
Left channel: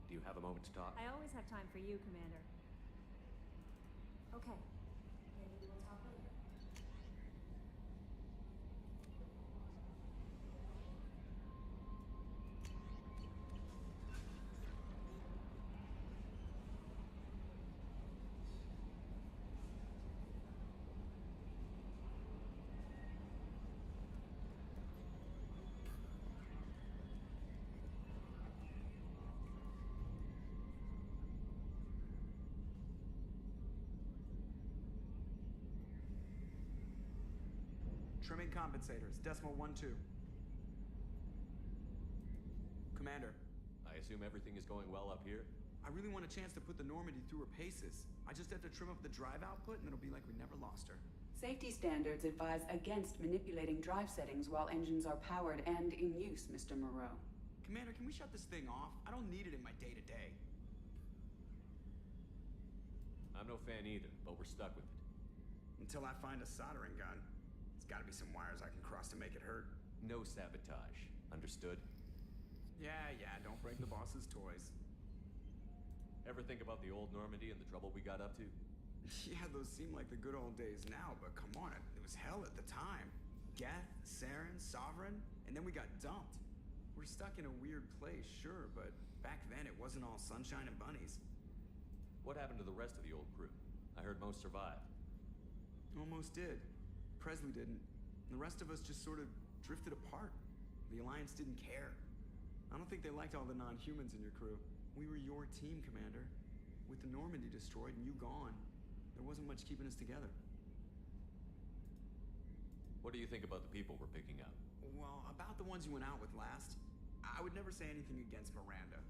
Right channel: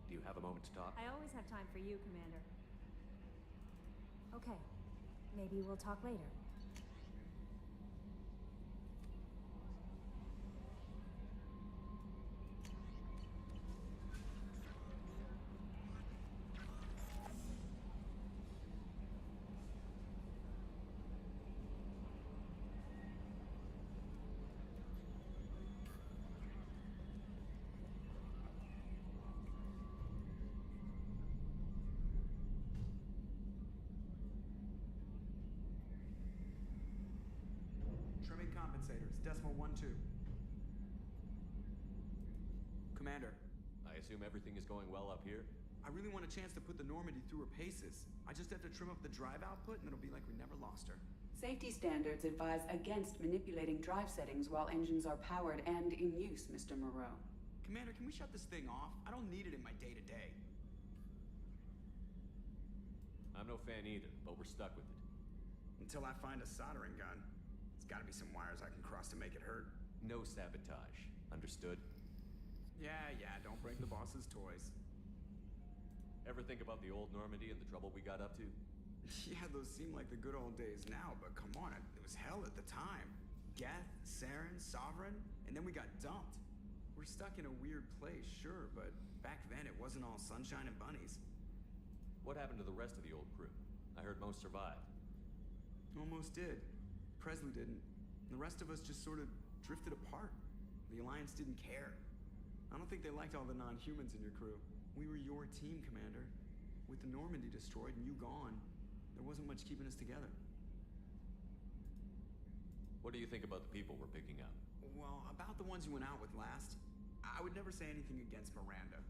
Do you have a moment to talk? I always have time for you, Commander. Okay. Maybe we'll talk later. Trimming compensators, decimal 1-2. Commander. I assume everything is going well up here? I really want a chance to put the Normandy through her paces. I just have to trim up the drive output and it'll be like we never lost her. Safety standards advise against manipulating drive settings while engines are powered and in use, Mr. Moreau. Commander, can we shut this thing off? I don't need it in my day-to-day. I'm no fan either, but we're stuck with it. Until I find a soldering gun. There's gotta be some wires I can cross to make it hurt. No sabotage. Understood? Yeah, don't break the boss's toys. Ever think about the old Normandy and the trouble we got up to? Yeah, those seem like the good old days now, but come on, it was hell at the time. Geth, Saren, Sovereign, and then we got dumped. We're stuck in a weird place, sure, but back then it wasn't all sunshine and bunnies. What happened to the rest of the old crew? I heard most survived. Almost did. Presley didn't. The rest of us just sort of drifted apart. The Alliance didn't care. I don't think they liked all the non-humans in your crew. We were your team, Commander. With the Normandy destroyed and you gone, there wasn't much keeping us together. What do you think about the people we're picking up? Well, about the ones you went out with last, I would never say anything against Miranda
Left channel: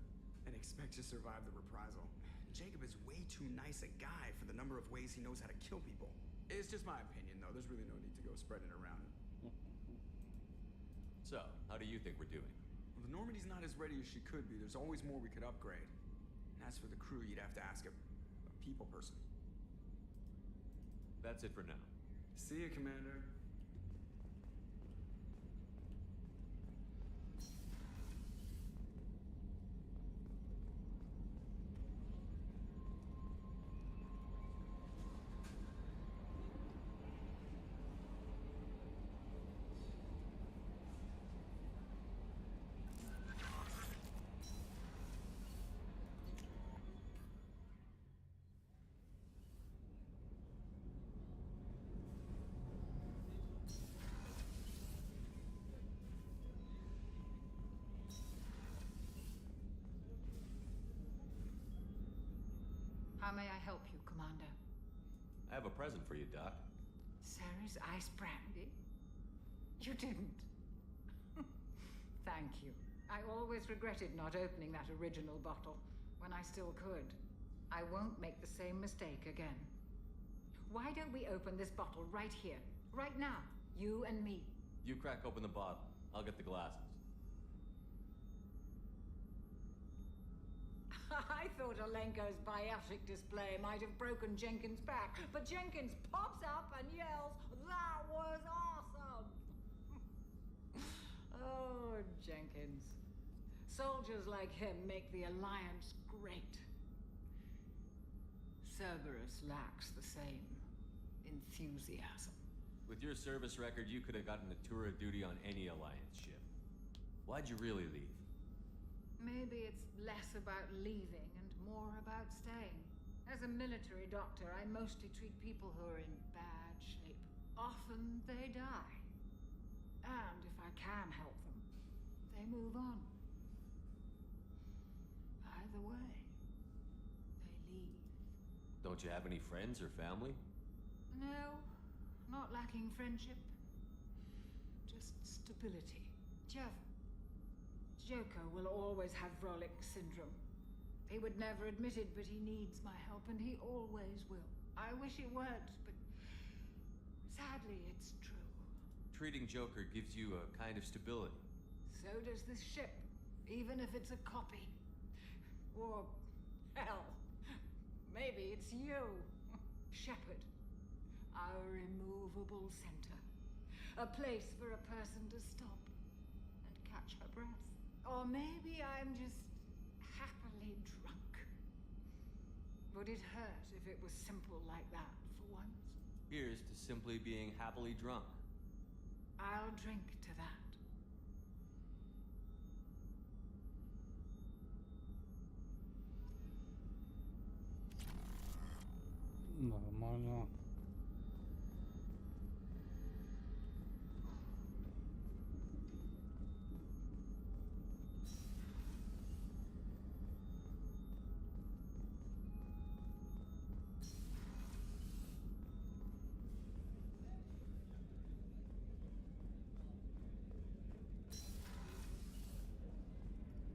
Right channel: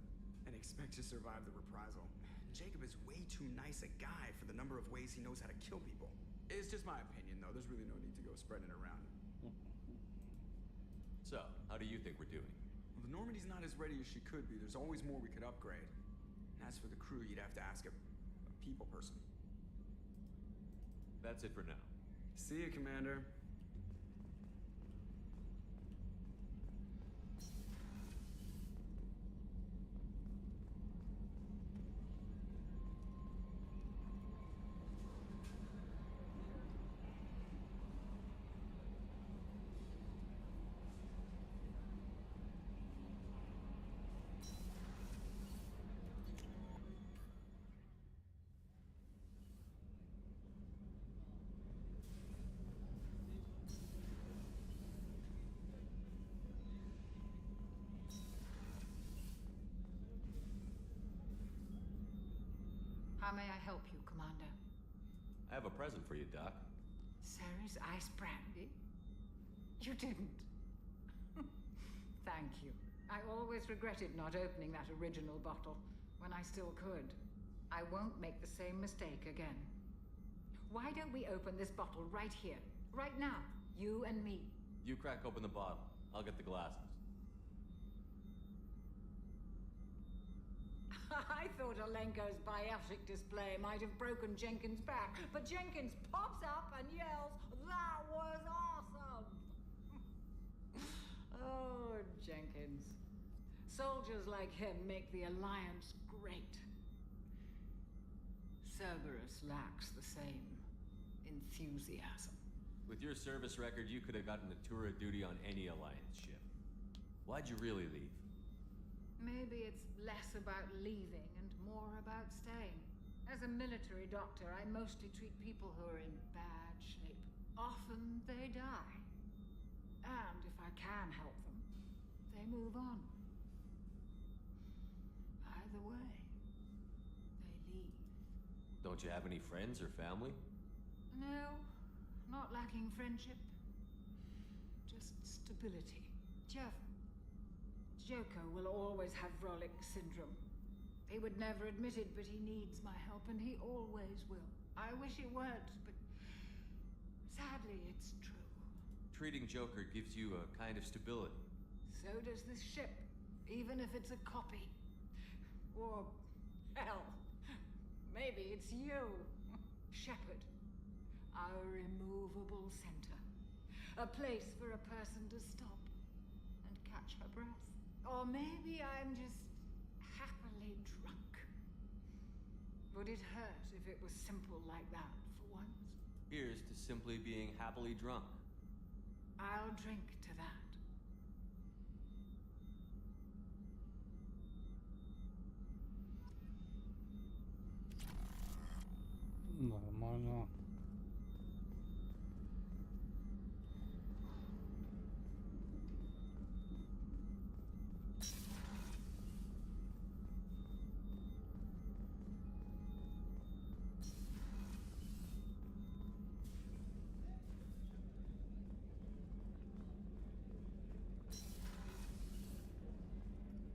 and expect to survive the reprisal. Jacob is way too nice a guy for the number of ways he knows how to kill people. It's just my opinion, though. There's really no need to go spreading it around. So, how do you think we're doing? Well, the Normandy's not as ready as she could be. There's always more we could upgrade. And as for the crew, you'd have to ask a people person. That's it for now. See ya, Commander. How may I help you, Commander? I have a present for you, Doc. Ceres ice brandy? You didn't. Thank you. I always regretted not opening that original bottle when I still could. I won't make the same mistake again. Why don't we open this bottle right here, right now, you and me? You crack open the bottle. I'll get the glasses. I thought Alenko's biotic display might have broken Jenkins' back, but Jenkins pops up and yells, "That was awesome!" Oh, Jenkins. Soldiers like him make the Alliance great. Cerberus lacks the same enthusiasm. With your service record, you could have gotten a tour of duty on any Alliance ship. Why'd you really leave? Maybe it's less about leaving and more about staying. As a military doctor, I mostly treat people who are in bad shape. Often they die. And if I can help them, they move on. Either way, they leave. Don't you have any friends or family? No, not lacking friendship. Just stability. Joko will always have Vrolic syndrome. He would never admit it, but he needs my help, and he always will. I wish it weren't, but sadly, it's true. Treating Joker gives you a kind of stability. So does this ship, even if it's a copy. Or, hell, maybe it's you, Shepard. Our immovable center. A place for a person to stop and catch her breath. Or maybe I'm just happily drunk. Would it hurt if it was simple like that for once? Here's to simply being happily drunk. I'll drink to that. Нормально.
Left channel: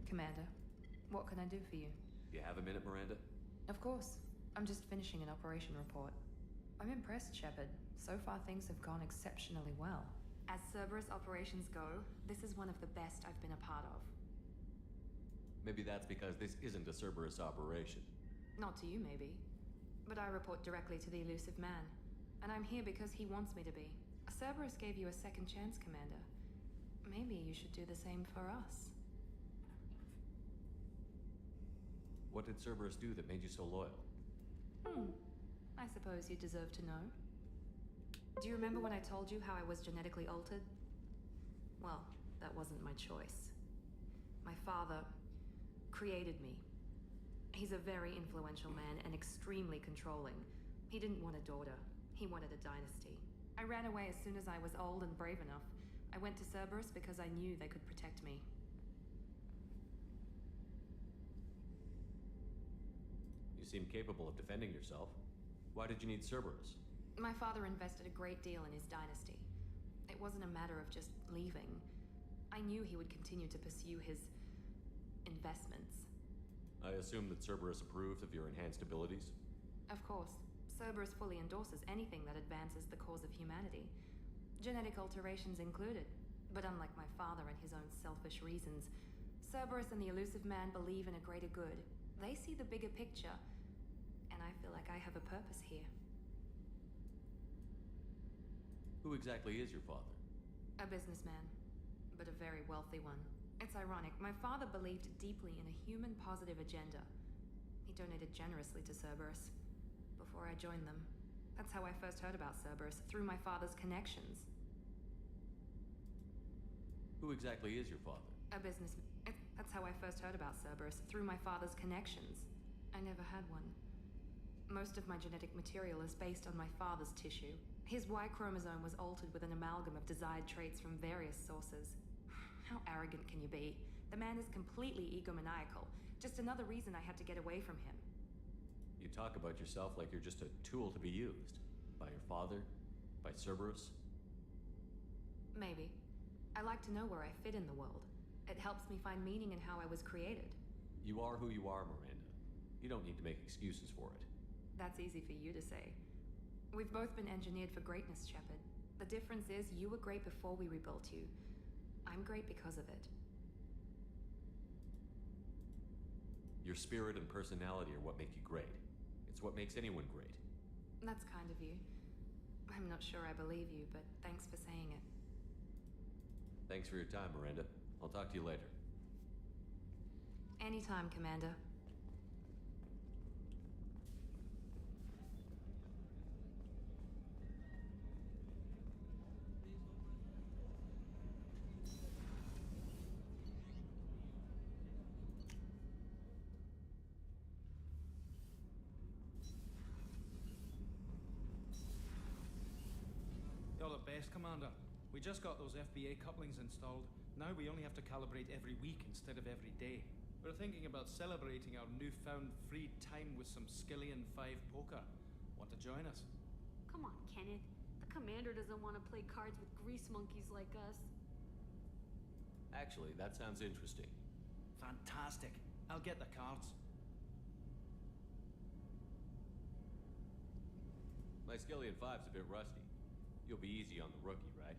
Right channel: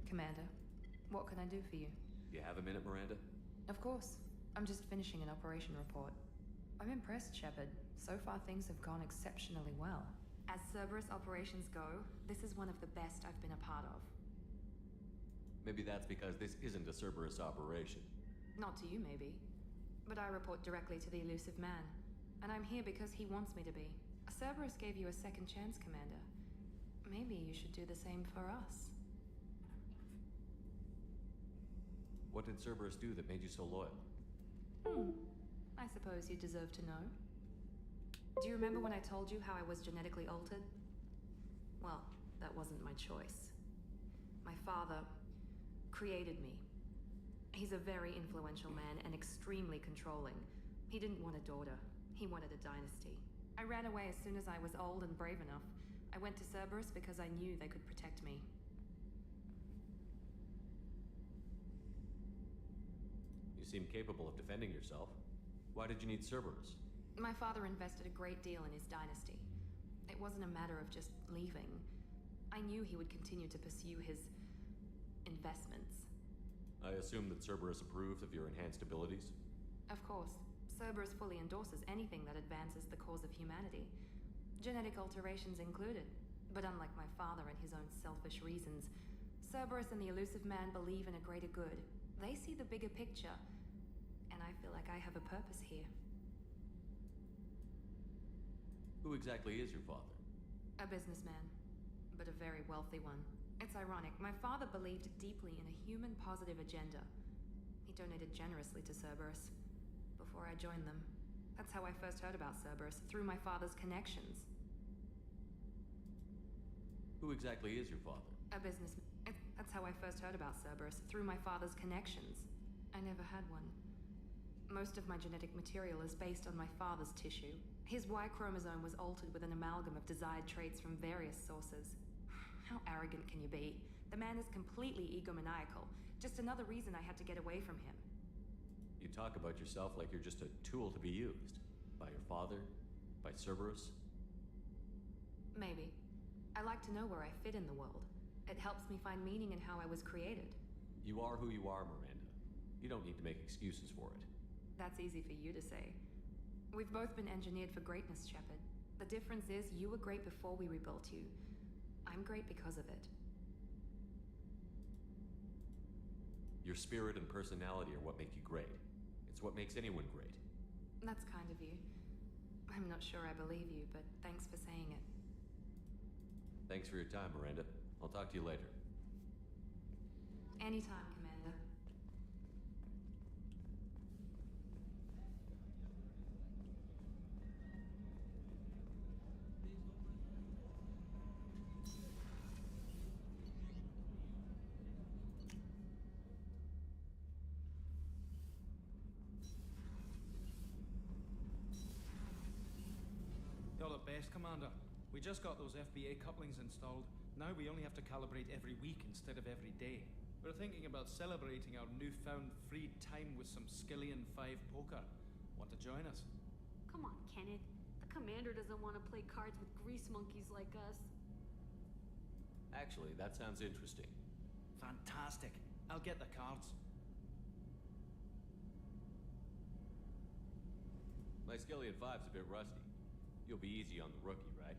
Commander, what can I do for you? You have a minute, Miranda? Of course. I'm just finishing an operation report. I'm impressed, Shepard. So far, things have gone exceptionally well. As Cerberus operations go, this is one of the best I've been a part of. Maybe that's because this isn't a Cerberus operation. Not to you, maybe. But I report directly to the elusive man. And I'm here because he wants me to be. Cerberus gave you a second chance, Commander. Maybe you should do the same for us. What did Cerberus do that made you so loyal? I suppose you deserve to know. Do you remember when I told you how I was genetically altered? Well, that wasn't my choice. My father created me. He's a very influential man and extremely controlling. He didn't want a daughter. He wanted a dynasty. I ran away as soon as I was old and brave enough. I went to Cerberus because I knew they could protect me. You seem capable of defending yourself. Why did you need Cerberus? My father invested a great deal in his dynasty. It wasn't a matter of just leaving. I knew he would continue to pursue his investments. I assume that Cerberus approved of your enhanced abilities? Of course. Cerberus fully endorses anything that advances the cause of humanity. Genetic alterations included. But unlike my father and his own selfish reasons, Cerberus and the elusive man believe in a greater good. They see the bigger picture, and I feel like I have a purpose here. Who exactly is your father? A businessman, but a very wealthy one. It's ironic, my father believed deeply in a human positive agenda. He donated generously to Cerberus before I joined them. That's how I first heard about Cerberus, through my father's connections. Who exactly is your father? A businessman. That's how I first heard about Cerberus, through my father's connections. I never had one. Most of my genetic material is based on my father's tissue. His Y chromosome was altered with an amalgam of desired traits from various sources. How arrogant can you be? The man is completely egomaniacal. Just another reason I had to get away from him. You talk about yourself like you're just a tool to be used. By your father? By Cerberus? Maybe. I like to know where I fit in the world. It helps me find meaning in how I was created. You are who you are, Miranda. You don't need to make excuses for it. That's easy for you to say. We've both been engineered for greatness, Shepard. The difference is you were great before we rebuilt you. I'm great because of it. Your spirit and personality are what make you great. It's what makes anyone great. That's kind of you. I'm not sure I believe you, but thanks for saying it. Thanks for your time, Miranda. I'll talk to you later. Anytime, Commander. You're the best, Commander. We just got those FBA couplings installed. Now we only have to calibrate every week instead of every day. We're thinking about celebrating our newfound free time with some Skillian 5 poker. Want to join us? Come on, Kenneth. The commander doesn't want to play cards with grease monkeys like us. Actually, that sounds interesting. Fantastic. I'll get the cards. My Skillian 5's a bit rusty. You'll be easy on the rookie, right?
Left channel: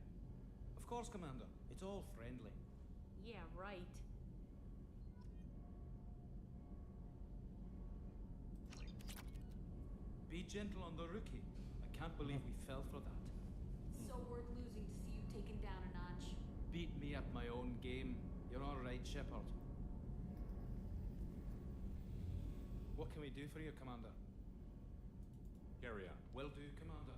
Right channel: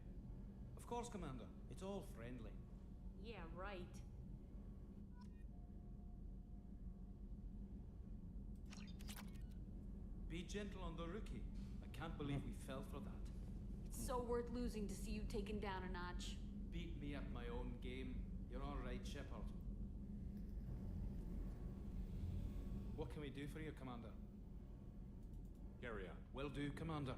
Of course, Commander. It's all friendly. Yeah, right. Be gentle on the rookie. I can't believe we fell for that. It's so worth losing to see you taken down a notch. Beat me at my own game. You're all right, Shepard. What can we do for you, Commander? Carry on. Will do, Commander.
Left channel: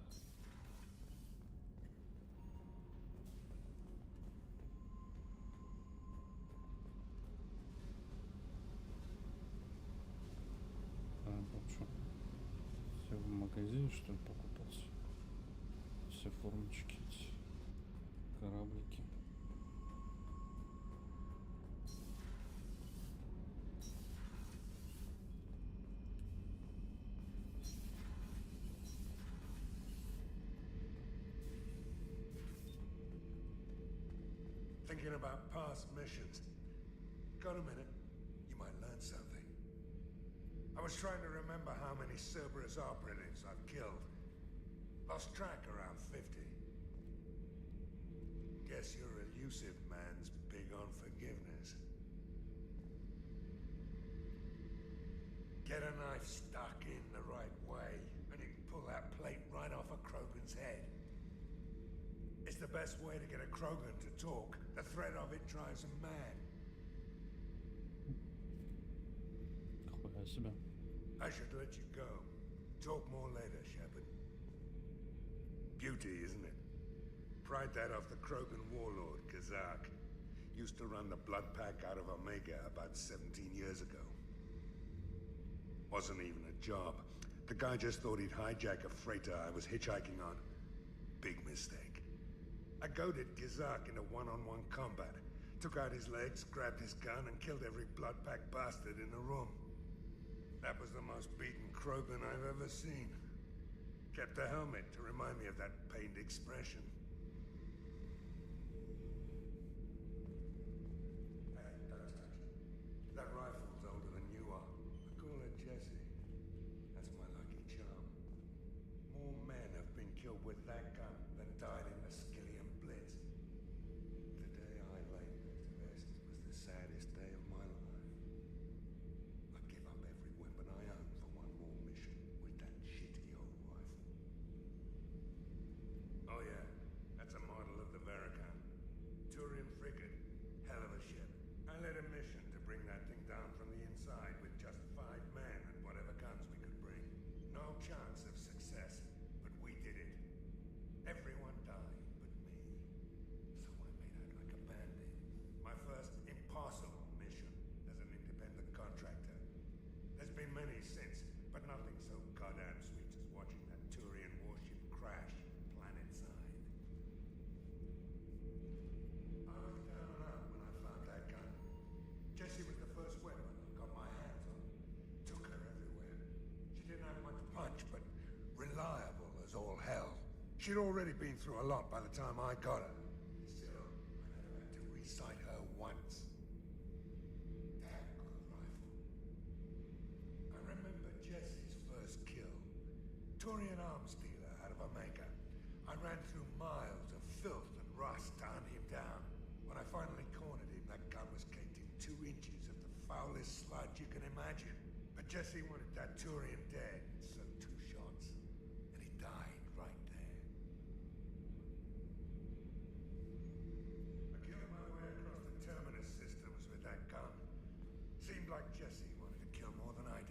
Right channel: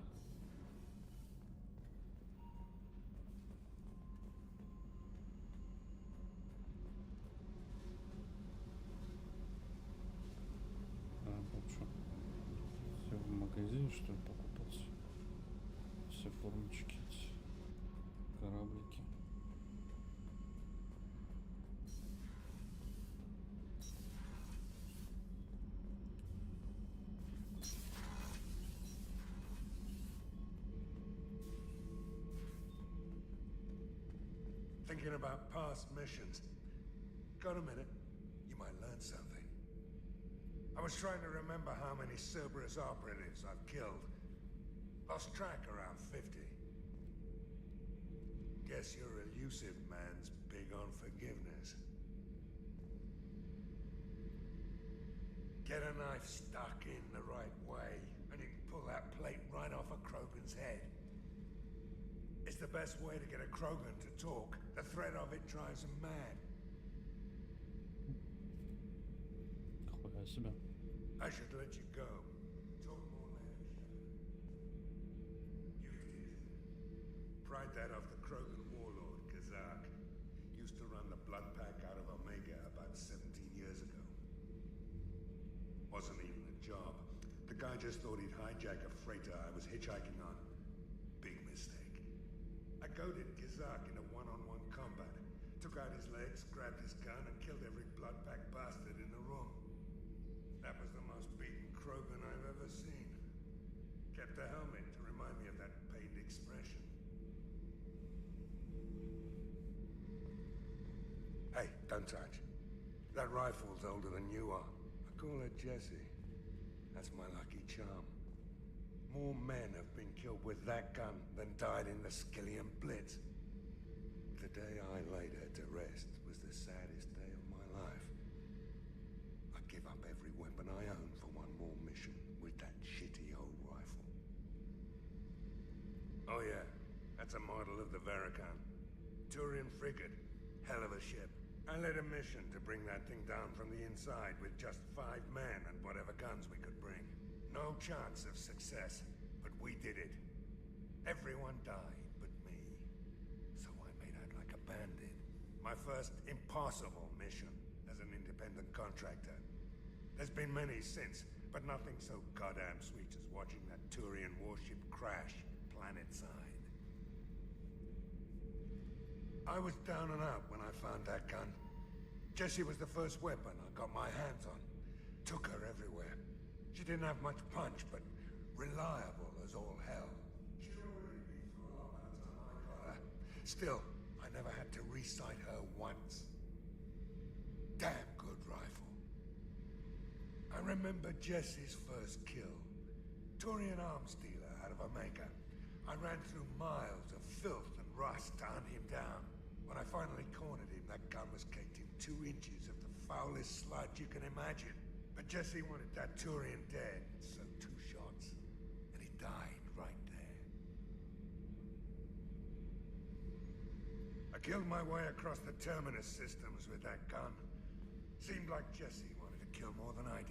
Что? Все в магазине, что ли, покупался? Все формочки, эти кораблики. Thinking about past missions. Got a minute? You might learn something. I was trying to remember how many Cerberus operatives I've killed. Lost track around 50. Guess your elusive man's big on forgiveness. Get a knife stuck in the right way, and you can pull that plate right off a Krogan's head. It's the best way to get a Krogan to talk. The threat of it drives him mad. I should let you go. Talk more later, Shepard. Beauty, isn't it? Pried that off the Krogan warlord, Kazak. Used to run the blood pack out of Omega about 17 years ago. Wasn't even a job. The guy just thought he'd hijack a freighter I was hitchhiking on. Big mistake. I goaded Kazak into one-on-one combat. Took out his legs, grabbed his gun, and killed every blood pack bastard in the room. That was the most beaten Krogan I've ever seen. Kept the helmet to remind me of that pained expression. Hey, don't touch. That rifle's older than you are. I call her Jessie. That's my lucky charm. More men have been killed with that gun than died in the Skillian Blitz. The day I laid her to rest was the saddest day of my life. I give up every weapon I own for one more mission with that shitty old rifle. Oh yeah, that's a model of the Veracon. Turian frigate. Hell of a ship. I led a mission to bring that thing down from the inside with just 5 men and whatever guns we could bring. No chance of success, but we did it. Everyone died but me. So I made out like a bandit. My first impossible mission as an independent contractor. There's been many since, but nothing so goddamn sweet as watching that Turian warship crash planet-side. I was down and out when I found that gun. Jessie was the first weapon I got my hands on. Took her everywhere. She didn't have much punch, but reliable as all hell. She'd already been through a lot by the time I got her. Still, I never had to re-sight her once. Damn good rifle. I remember Jessie's first kill. Turian arms dealer out of Omega. I ran through miles of filth and rust to hunt him down. When I finally cornered him, that gun was caked in 2 inches of the foulest sludge you can imagine. But Jessie wanted that Turian dead, so 2 shots. And he died right there. I killed my way across the terminus systems with that gun. Seemed like Jessie wanted to kill more than I